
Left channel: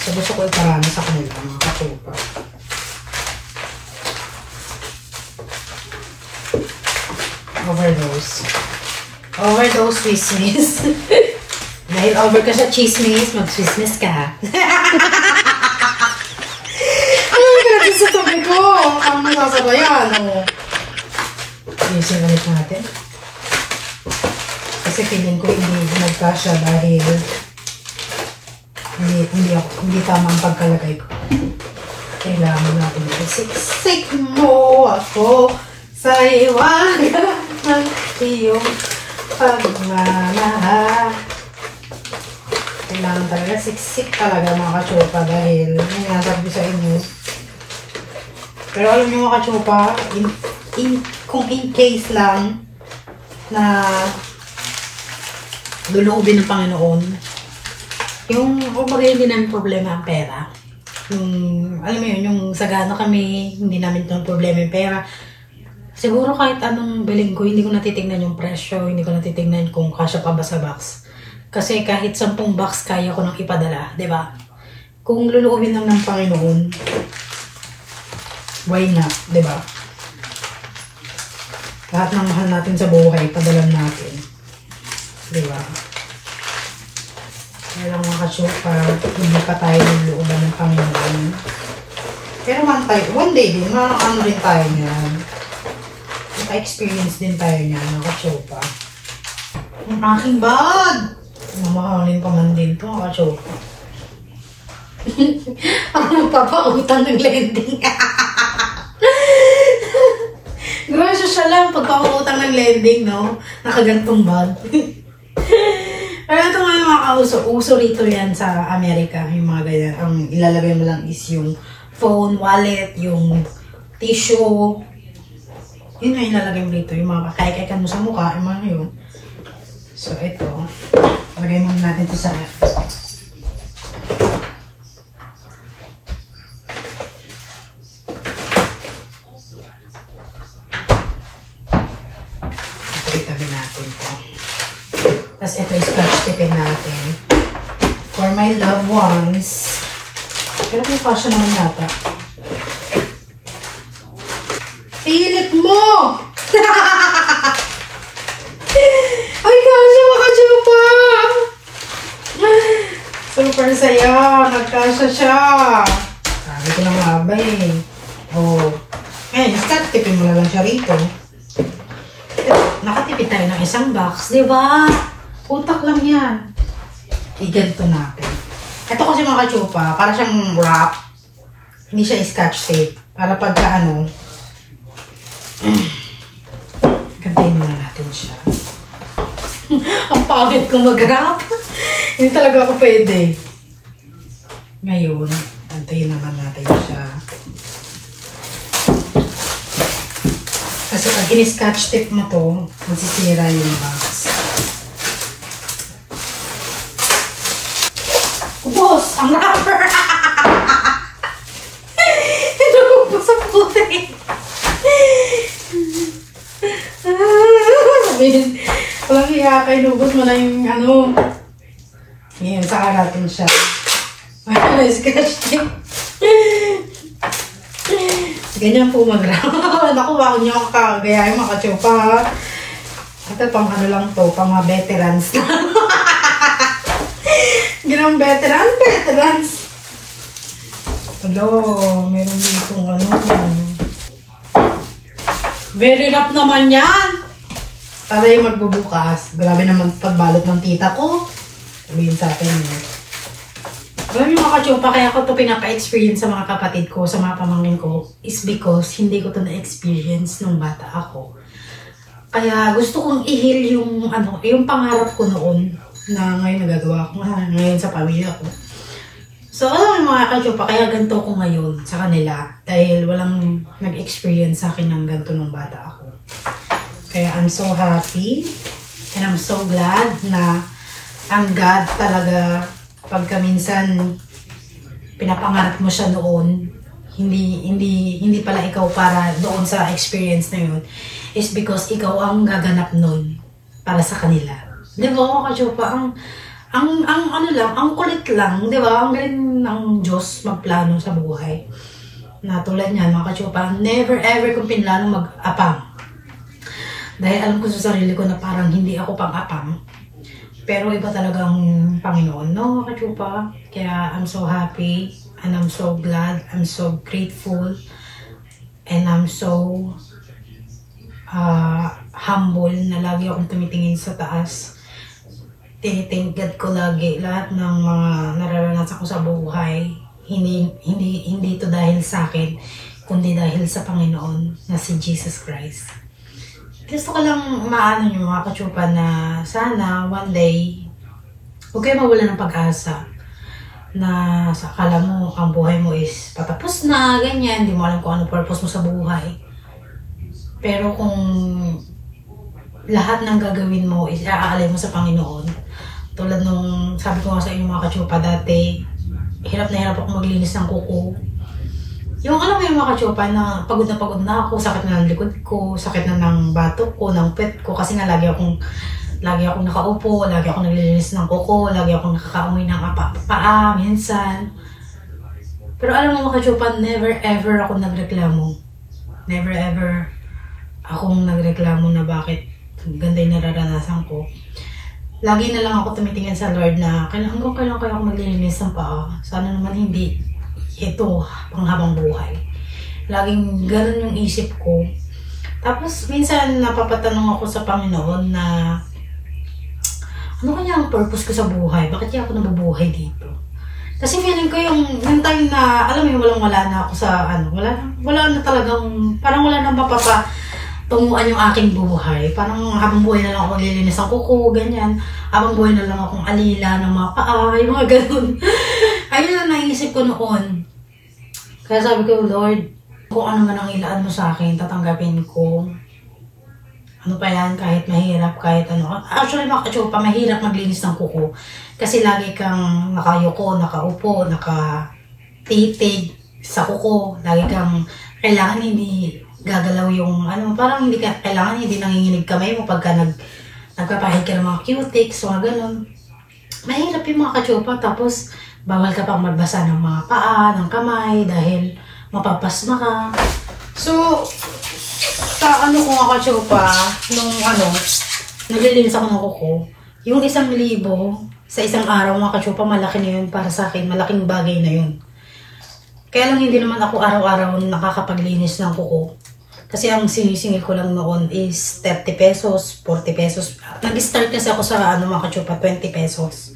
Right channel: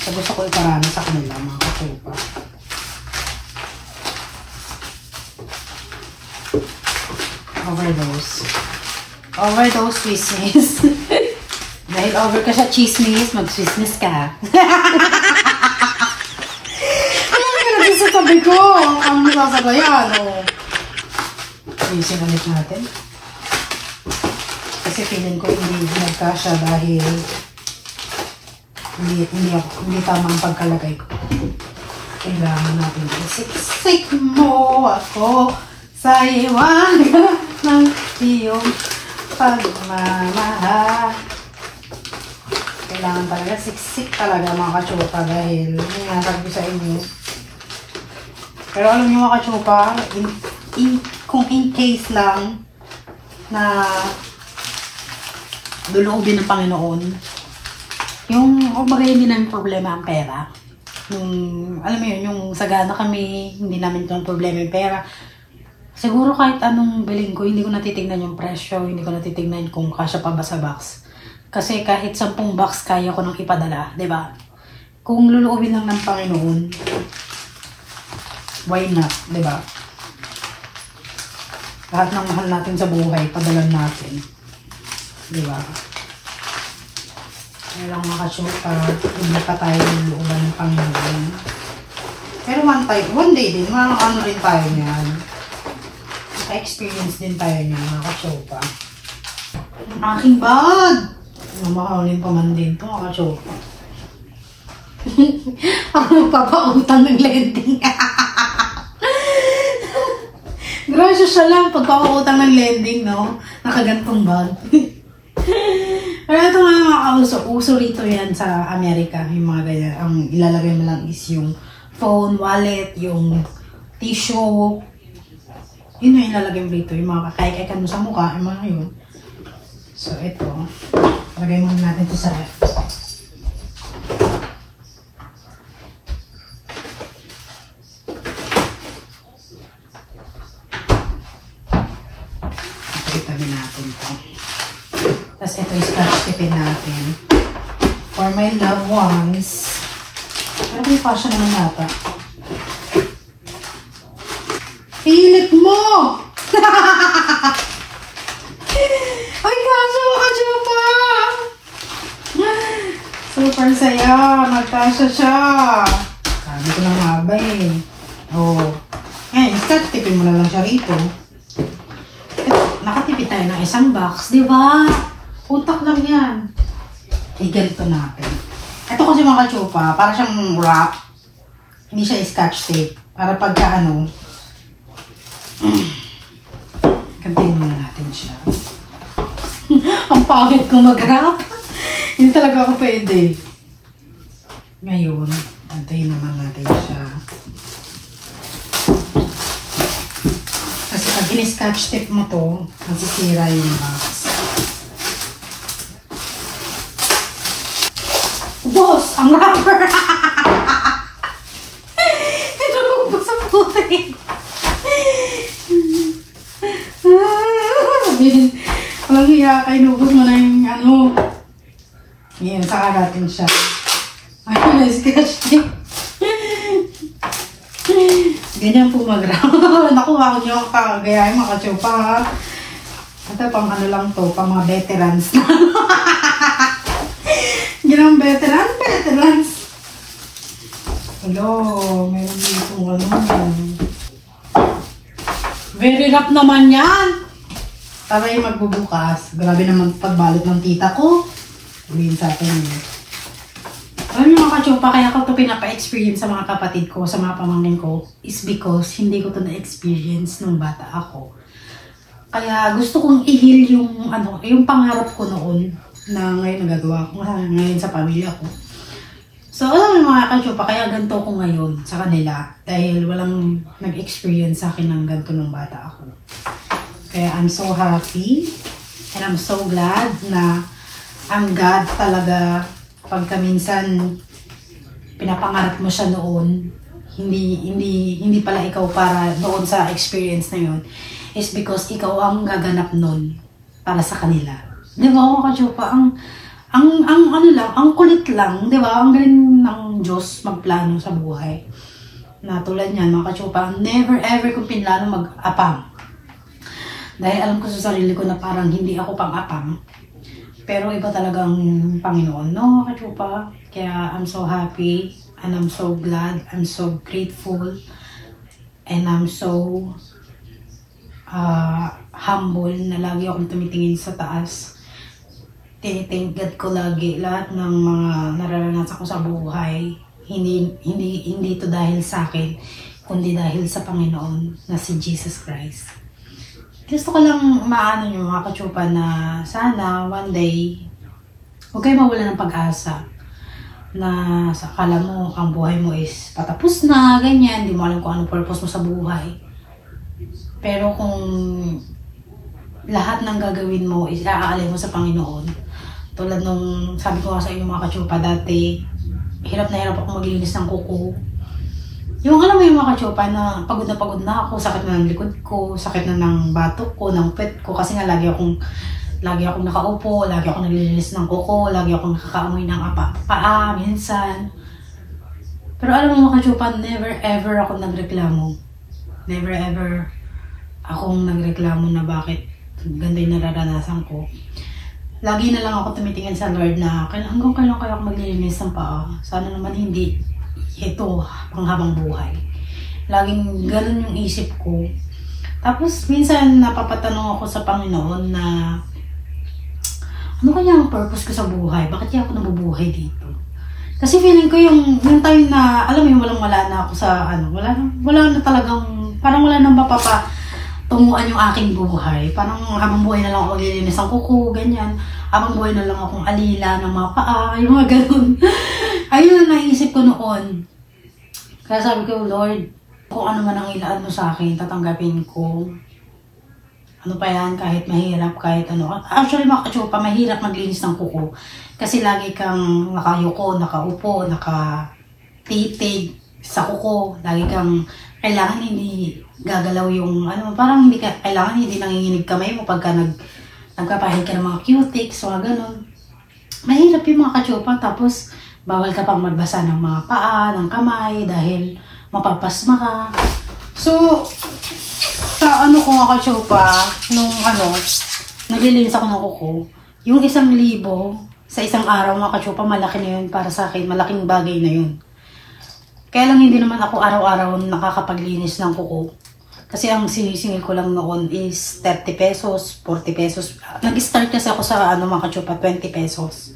So, gusto ko iparanas sa kanila mga kachumpa. Overdose chismis. Dahil over ka sa chismis, mag-chismis ka. Ano yung nalagay sa tabi ko? Ang nasabayan. Ayusin ulit natin. Kasi feeling ko hindi nagkasya dahil hindi tama ang pagkalagay ko. Kailangan natin isiksik mo ako sa iwaga ng iyong pagmamahal. Kailangan talaga siksik talaga mga kachupa dahil may nasabi sa inyo. Pero alam niyo mga kachupa, kung in case lang na luluubin ng Panginoon, yung hindi namin problema ang pera. Alam mo yun, yung sagana kami, hindi namin yung problema yung pera. Siguro kahit anong bilhin ko, hindi ko natitignan yung presyo, hindi ko natitignan kung kasya pa ba sa box. Kasi kahit 10 box kaya ko nang ipadala, di ba? Kung luluubin lang ng Panginoon, why not, di ba? Lahat ng mahal natin sa buhay, padalan natin. Di ba? Kaya lang mga kasyupa, hindi pa tayo luluuban ng Panginoon. Pero one day din, ano rin tayo niyan. Naka-experience din tayo niya, mga kachopa. Ang aking bag! Mamahalin pa man din ito, mga kachopa. Ang magpapautang ng lending. Grasya siya lang, pagpapautang ng lending, no? Nakagantong bag. Pero ito nga mga uso rito yan sa Amerika, yung mga ganyan. Ang ilalagay mo lang is yung phone, wallet, yung tissue. Yun na ilalagay mo dito, yung mga kakay-kaykan mo sa mukha, yung mga yun. So, ito. Lagay muna natin ito sa ref. Ito, itabi natin ito. Tapos ito, scratch tipin natin. For my loved ones. Pero kung pa siya naman yata. Pilit mo! Ay, kasya mga kachupa! Super saya! Nagkasya siya! Sabi ko na nga ba eh. Oh. Eh, nakatipin mo na lang siya rito. Nakatipid tayo ng isang box, di ba? Utak lang yan. I-ganito natin. Ito kasi mga kachupa, para siyang wrap. Hindi siya scotch tape. Para pagka ano, gantayin muna natin siya. Ang pangit ko mag-wrap. Hindi talaga ako pwede. Ngayon, gantayin naman natin siya. Kasi pag in-scotch tape mo to, masisira yung box. Boss! Ang wrapper! Ito po sa puti. Walang hiya ka, inubos mo na yung ano. Ngayon, saka natin siya. Ay, scratch tape. Ganyan po mag-wrap. Naku, bakit nyo ako kagayahin mga kachupa, ha? Ito, pang ano lang to, pang mga veterans na. Hindi lang veterans. Hello, meron dito ano. Very rough naman yan. Para yung magbubukas. Grabe naman pagbalot ng tita ko. Sabihin sa akin yun. Alam niyo mga kachupa, kaya ko ito pinapa-experience sa mga kapatid ko, sa mga pamangkin ko, is because hindi ko ito na-experience nung bata ako. Kaya gusto kong i-heal yung, yung pangarap ko noon na ngayon nagagawa ko ngayon sa pamilya ko. So, alam niyo mga kachupa, kaya ganito ko ngayon sa kanila dahil walang nag-experience sa akin ng ganito nung bata ako. Kaya I'm so happy and I'm so glad na ang God talaga pagka minsan pinapangarap mo siya noon, hindi pala ikaw para doon sa experience na yun, is because ikaw ang gaganap nun para sa kanila. Di ba mga ka-chupa? Ang kulit lang, di ba? Ang galing ng Diyos magplano sa buhay. Na tulad niyan mga ka-chupa, never ever kong pinlano mag-apang. Dahil alam ko sa sarili ko na parang hindi ako pang-apang. Pero iba talagang Panginoon, no, ka-chupa? Kaya I'm so happy and I'm so glad, I'm so grateful, and I'm so humble na lagi akong tumitingin sa taas. Tinitingin ko lagi lahat ng mga nararanasan ko sa buhay. Hindi ito dahil sa akin, kundi dahil sa Panginoon na si Jesus Christ. Gusto ko lang maano nyo mga ka-chupa na sana one day huwag kayo mawala ng pag-asa na akala mo ang buhay mo is patapos na, ganyan, hindi mo alam kung anong purpose mo sa buhay. Pero kung lahat ng gagawin mo is aaalay mo sa Panginoon, tulad nung sabi ko nga sa inyo mga ka-chupa dati, hirap na hirap ako maglinis ng kuko. Yung alam mo yung mga ka-chupa na pagod na ako, sakit na ng likod ko, sakit na ng batok ko, ng pet ko, kasi nga lagi akong nakaupo, lagi akong naglilinis ng kuko, lagi akong nakakaamoy ng paa, minsan. Pero alam mo mga ka-chupa, never ever ako nagreklamo. Never ever akong nagreklamo na bakit ganda yung nararanasan ko. Lagi na lang ako tumitingin sa Lord na hanggang kailan kaya ako maglilinis ng paa. Sana naman hindi ito panghabang buhay. Laging ganun yung isip ko. Tapos minsan napapatanong ako sa Panginoon na ano kaya ang purpose ko sa buhay? Bakit kaya ako nabubuhay dito? Kasi feeling ko yung time na, alam mo yung wala na ako sa, wala na talagang, parang wala nang mapapatunguan yung aking buhay. Parang habang buhay na lang ako maglilinis ng kuko, ganyan. Habang buhay na lang akong alila ng mga paa, yung mga ganun. Ayun lang naisip ko noon. Kaya sabi ko, Lord, kung ano man ang ilaan mo sa akin, tatanggapin ko. Ano pa yan, kahit mahirap, kahit ano. Actually, mga ka-chupa, mahirap maglinis ng kuko. Kasi lagi kang nakayuko, nakaupo, nakatitig sa kuko. Lagi kang kailangan hindi gagalaw yung, parang hindi kailangan hindi nanginginig kamay mo pagka nagpapahid ka ng mga cutics, mga ganun. Mahirap yung mga ka-chupa, tapos bawal ka pang magbasa ng mga paa, ng kamay, dahil mapapasma ka. So, sa ko nga ka-chupa, nung naglilinis ako ng kuko, yung 1,000 sa isang araw mga ka-chupa, malaki na yun para sa akin, malaking bagay na yun. Kaya lang hindi naman ako araw-araw nakakapaglinis ng kuko. Kasi ang sinisingil ko lang noon is 30 pesos, 40 pesos. Nag-start kasi ako sa mga ka-chupa, 20 pesos.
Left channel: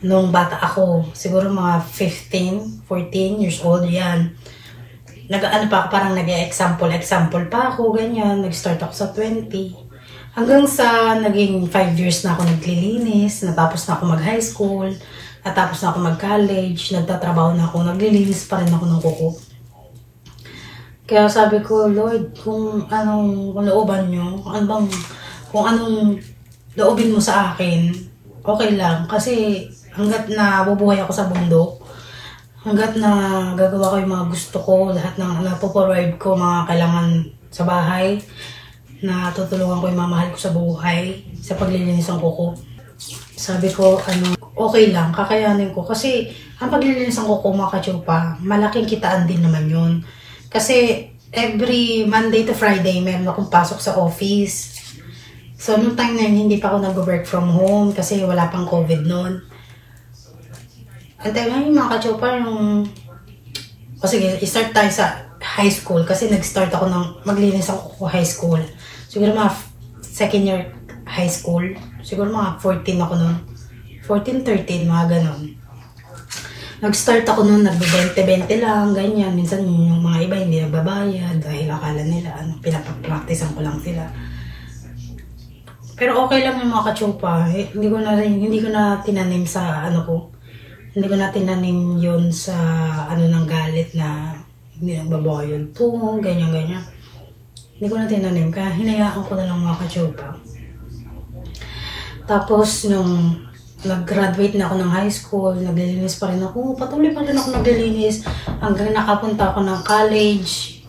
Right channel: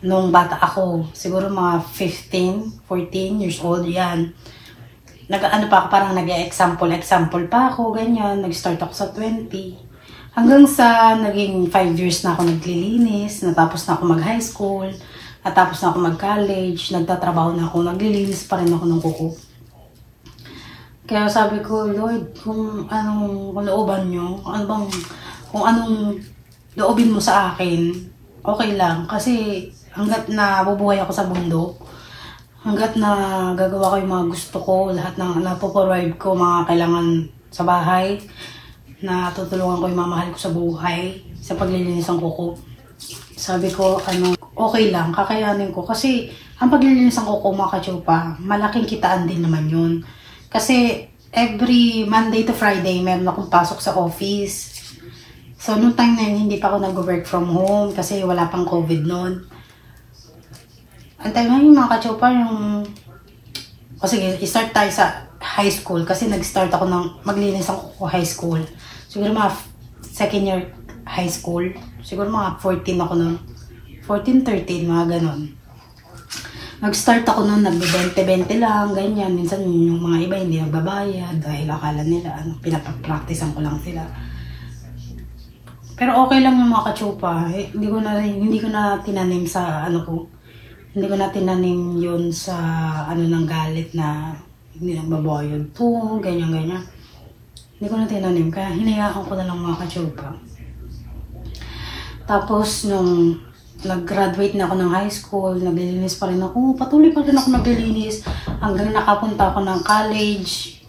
Nung bata ako, siguro mga 15, 14 years old, yan. Parang nag-example pa ako, ganyan. Nag-start ako sa 20. Hanggang sa naging 5 years na ako naglilinis, natapos na ako mag-high school, natapos na ako mag-college, nagtatrabaho na ako, naglilinis pa rin ako ng kuko. Kaya sabi ko, Lord, kung anong looban nyo, kung anong loobin mo sa akin, okay lang. Kasi hanggat na bubuhay ako sa mundo, hanggat na gagawa ko yung mga gusto ko, lahat ng napoprovide ko, mga kailangan sa bahay, na tutulungan ko yung mga mahal ko sa buhay, sa paglilinis ng kuko. Sabi ko, okay lang, kakayanin ko. Kasi, ang paglilinis ng kuko, mga ka-chupa, malaking kitaan din naman yun. Kasi, every Monday to Friday, meron akong pasok sa office. So, noong time na yun, hindi pa ako nag-work from home, kasi wala pang COVID noon. Ang time na yung mga ka-chupa, sige, start tayo sa high school, kasi nag-start ako ng maglinis ako high school. Siguro mga second year high school. Siguro mga 14 ako nun. 14, 13, mga ganon. Nag-start ako nun, nag-20-20 lang, ganyan. Minsan yung mga iba hindi nagbabayad dahil akala nila, pinapag-practicean ko lang sila. Pero okay lang yung mga ka-chupa. Hindi ko na tinanim sa Hindi ko na tinanim yun sa ng galit na hindi nagbabayad to, ganyan-ganyan. Hindi ko na tinanim, kaya hinayaan ko na lang mga kachopa. Tapos, nung nag-graduate na ako ng high school, naglilinis pa rin ako. Patuloy pa rin ako naglilinis hanggang nakapunta ako ng college.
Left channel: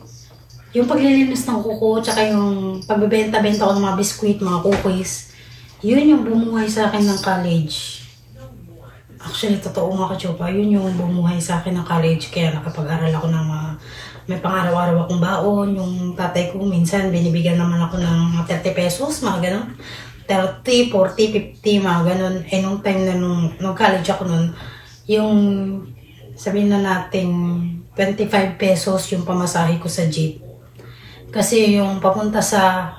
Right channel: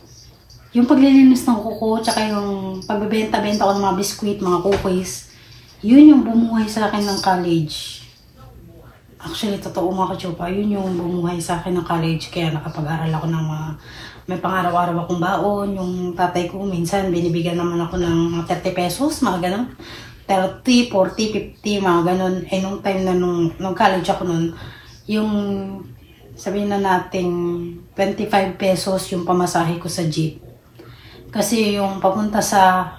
Yung paglilinis ng kuko, tsaka yung pagbebenta-benta ko ng mga biskuit, mga cookies, yun yung bumuhay sa akin ng college. Actually, totoo mga kachopa, yun yung bumuhay sa akin ng college. Kaya nakapag-aral ako ng mga, may pang-araw-araw akong baon. Yung tatay ko, minsan binibigyan naman ako ng mga 30 pesos, mga ganun. 30, 40, 50, mga ganun. Eh, nung time na nung college ako nun, yung sabihin na natin 25 pesos yung pamasahe ko sa jeep. Kasi yung papunta sa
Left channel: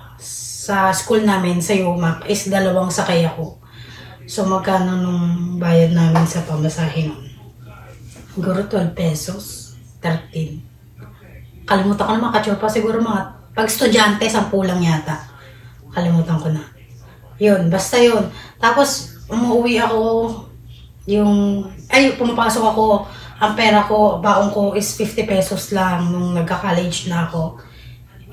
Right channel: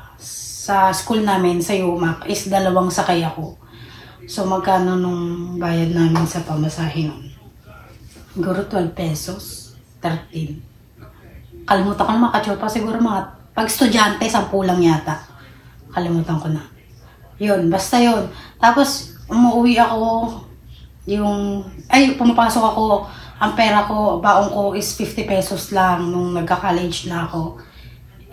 school namin, sa UMAC, is 2 sakay ako. So, magkano nung bayad namin sa pamasahe nun? Siguro 12 pesos, 13. Kalimutan ko na mga kachopa, siguro mga, pag estudyante, 10 lang yata. Kalimutan ko na. Yun, basta yun. Tapos, umuwi ako, pumapasok ako, ang pera ko, baon ko is 50 pesos lang nung nagka-college na ako.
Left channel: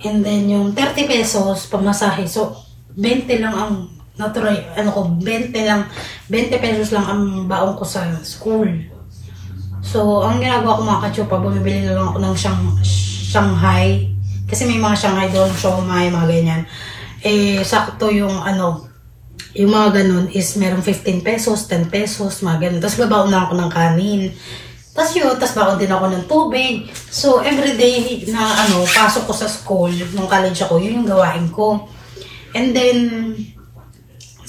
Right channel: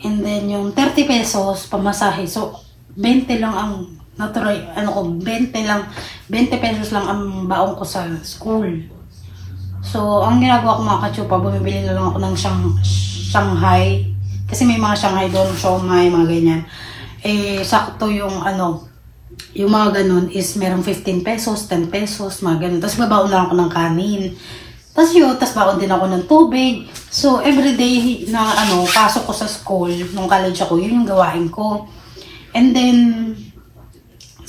And then, yung 30 pesos, pamasahe. So, 20 lang ang natural, 20 pesos lang ang baon ko sa school. So, ang ginagawa ko mga kachopa, bumibili na lang ako ng Shanghai. Kasi may mga Shanghai doon, siomai, mga ganyan. Eh, sakto yung yung mga ganun is merong 15 pesos, 10 pesos, mga ganun. Tapos babaon na ako ng kanin. Tapos baon din ako ng tubig. So, everyday na pasok ko sa school, nung college ako, yun yung gawain ko. And then,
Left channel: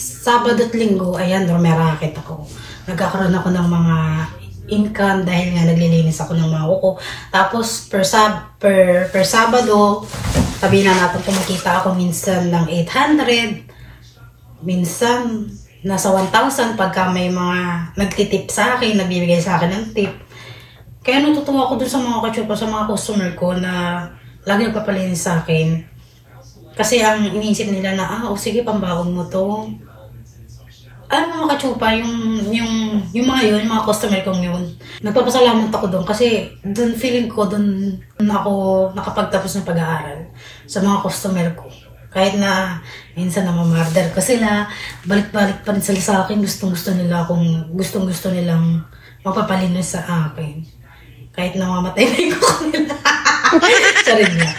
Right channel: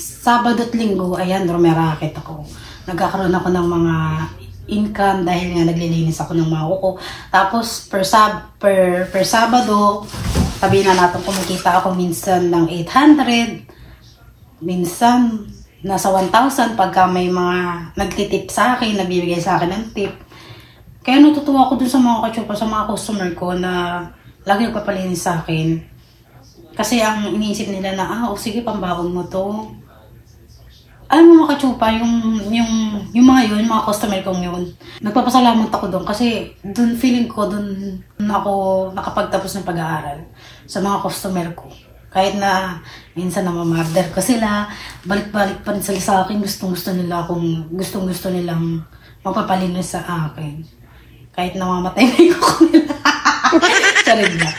Sabado at Linggo, ayan, rumeraket ako. Nagkakaroon ako ng mga income dahil nga naglilinis ako ng mga kuko. Tapos, per Sabado, sabihin na natin kumikita ako minsan ng 800, minsan nasa 1,000 pagka may mga nagtitip sa akin, nagbibigay sa akin ng tip. Kaya natutuwa ako dun sa mga kachopa, sa mga customer ko na lagi nagpapalinis sa akin. Kasi ang iniisip nila na, sige, pambaon mo to. Mga kachopa, yung mga yun, yung mga customer kong yun, nagpapasalamat ako doon kasi doon feeling ko, doon ako nakapagtapos ng pag-aaral sa mga customer ko. Kahit na minsan namamarder ko sila, balik-balik pa rin sila sa akin, gustong-gusto nilang magpapalinis sa akin. Kahit namamatay na yung kuko nila. Sorry na.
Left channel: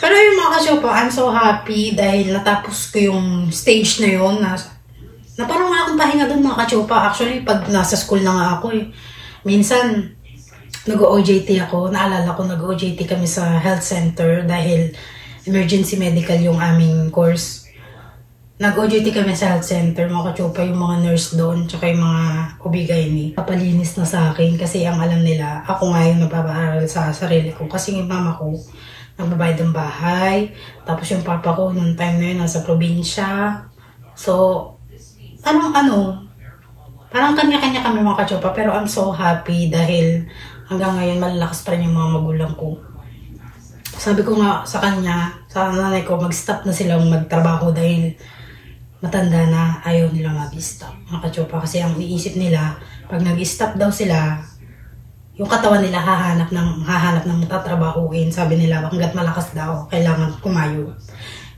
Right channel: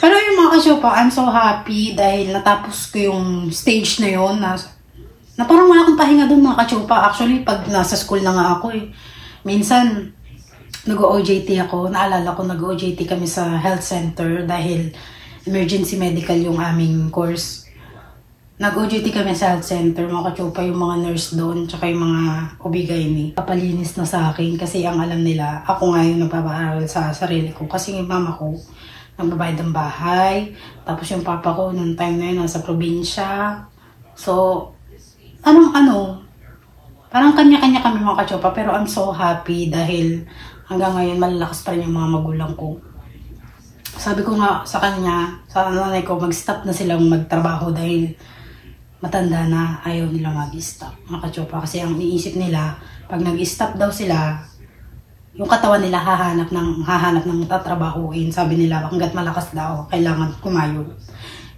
Pero yung mga kachopa, I'm so happy dahil natapos ko yung stage na yun na parang wala akong pahinga doon mga kachopa. Actually, pag nasa school na nga ako minsan nag-OJT ako. Naalala ko, nag-OJT kami sa health center dahil emergency medical yung aming course. Nag-OJT kami sa health center, mga kachopa, yung mga nurse doon, tsaka yung mga OB-GYN. Papalinis na sa akin kasi ang alam nila, ako nga yung nagpapaaral sa sarili ko. Kasi yung mama ko, nagbabayad ng bahay. Tapos yung papa ko, noong time na yun, nasa probinsya. So, parang kanya-kanya kami mga kachopa. Pero I'm so happy dahil hanggang ngayon malalakas pa rin yung mga magulang ko. Sabi ko nga sa kanya, sa nanay ko, mag-stop na silang magtrabaho dahil matanda na, ayaw nila mag-stop. Mga kachopa, kasi ang iniisip nila, pag nag-stop daw sila, yung katawan nila hahanap ng tatrabahuin. Sabi nila, hanggat malakas daw, kailangan kumayo.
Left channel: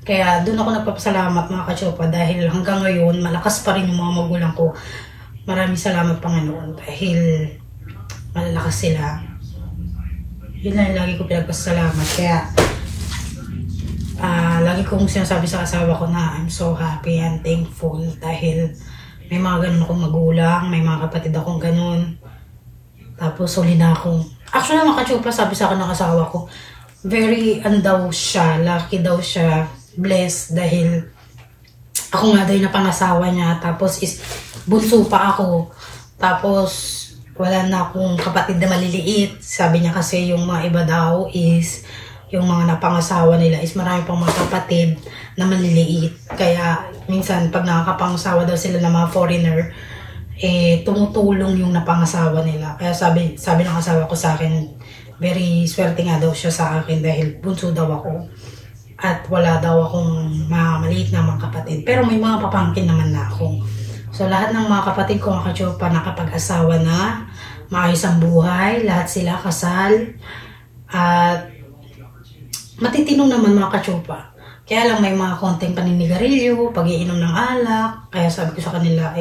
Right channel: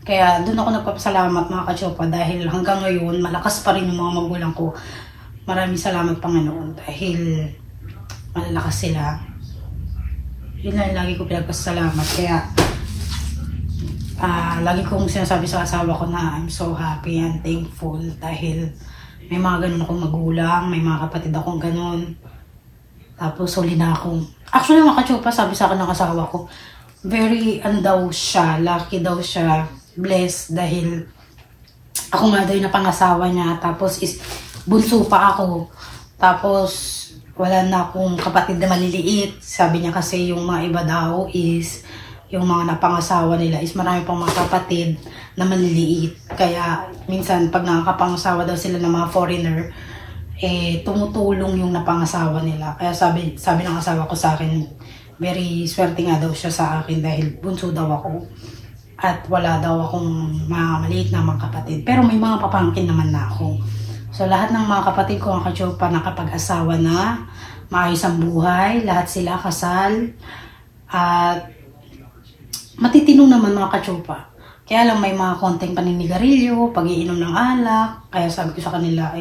Kaya doon ako nagpapasalamat mga kachopa dahil hanggang ngayon, malakas pa rin yung mga magulang ko. Maraming salamat Panginoon dahil malalakas sila. Yun lang lagi ko pinagpasalamat. Kaya lagi kong sinasabi sa asawa ko na I'm so happy and thankful dahil may mga ganun akong magulang, may mga kapatid akong ganun. Tapos huli na akong, actually mga kachopa, sabi sa akin ng asawa ko, very daw siya, lucky daw siya, blessed dahil ako nga daw yung napangasawa niya. Tapos bunso pa ako. Tapos wala na akong kapatid na maliliit. Sabi niya kasi yung mga iba daw is, yung mga napangasawa nila is marami pang mga kapatid na maliliit. Kaya minsan pag nakakapangasawa daw sila ng mga foreigner, tumutulong yung napangasawa nila. Kaya sabi ng asawa ko sa akin, very swerte nga daw siya sa akin dahil bunso daw ako. At wala daw akong mga maliit na mga kapatid. Pero may mga papangkin naman na ako. So, lahat ng mga kapatid ko ang kachopa nakapag-asawa na, maayos ang buhay, lahat sila kasal, at matitinong naman mga kachopa. Kaya lang may mga konting paninigarilyo, pag-iinom ng alak. Kaya sabi ko sa kanila,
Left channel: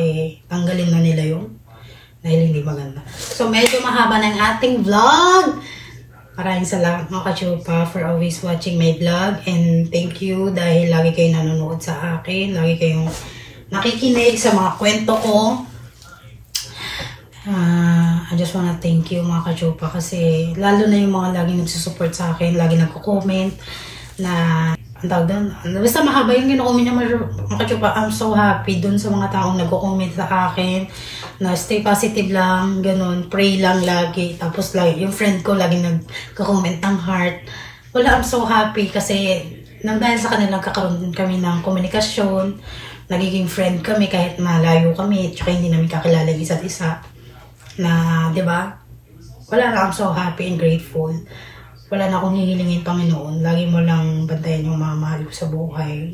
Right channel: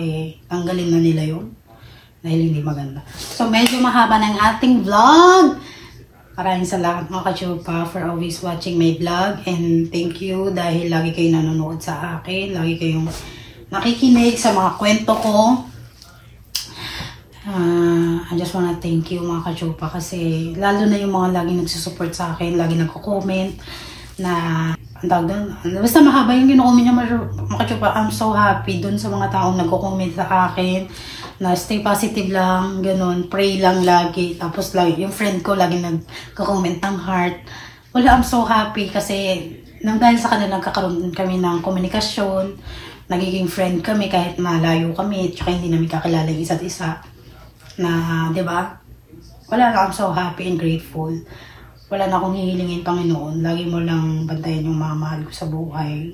tanggalin na nila yun. Dahil hindi maganda. So, medyo mahaba ng ating vlog. Maraming salamat mga kachupa for always watching my vlog. And thank you dahil lagi kayo nanonood sa akin. Lagi kayong nakikinig sa mga kwento ko. I just wanna thank you mga kachupa kasi lalo na yung mga lagi nagsusupport sa akin, lagi nagko-comment na ang tawag doon. Basta mahaba yung kino-comment niya mga kachupa. I'm so happy dun sa mga taong nagko-comment sa akin na stay positive lang, ganun, pray lang lagi. Tapos lagi, yung friend ko lagi nagko-comment ng heart. Wala, I'm so happy kasi nang dahil sa kanila nagkakaroon kami ng komunikasyon, nagiging friend kami kahit malayo kami, tsaka hindi namin kakilala yung isa't isa. Na, di ba? Wala na, I'm so happy and grateful. Wala na akong hihilingin, Panginoon. Lagi mo lang bantayan yung mga mahal ko sa buhay.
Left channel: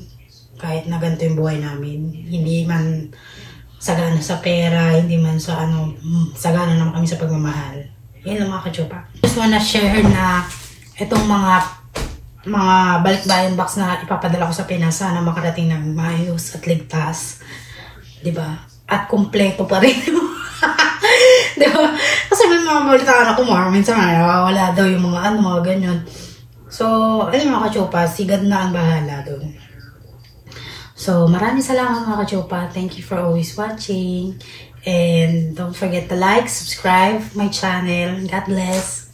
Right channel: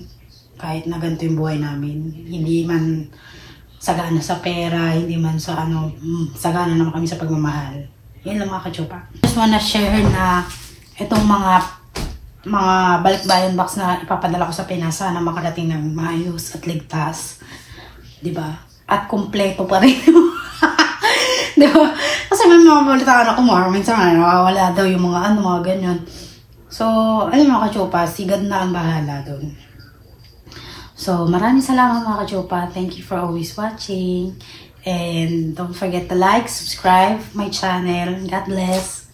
Kahit na ganito yung buhay namin. Hindi man sagana sa pera, hindi man sa sagana naman kami sa pagmamahal. Yun lang mga kachupa. Just wanna share na itong mga balikbayan box na ipapadala ko sa Pinas, sana makarating ng maayos at ligtas. Diba? At kumpleto pa rin. Diba? Kasi may mga balitaan ako minsan nawawala daw yung mga mga ganyan. So, alam mga kachupa, sigad na ang bahala doon. So, maraming salamat mga kachupa. Thank you for always watching. And don't forget to like, subscribe my channel. God bless.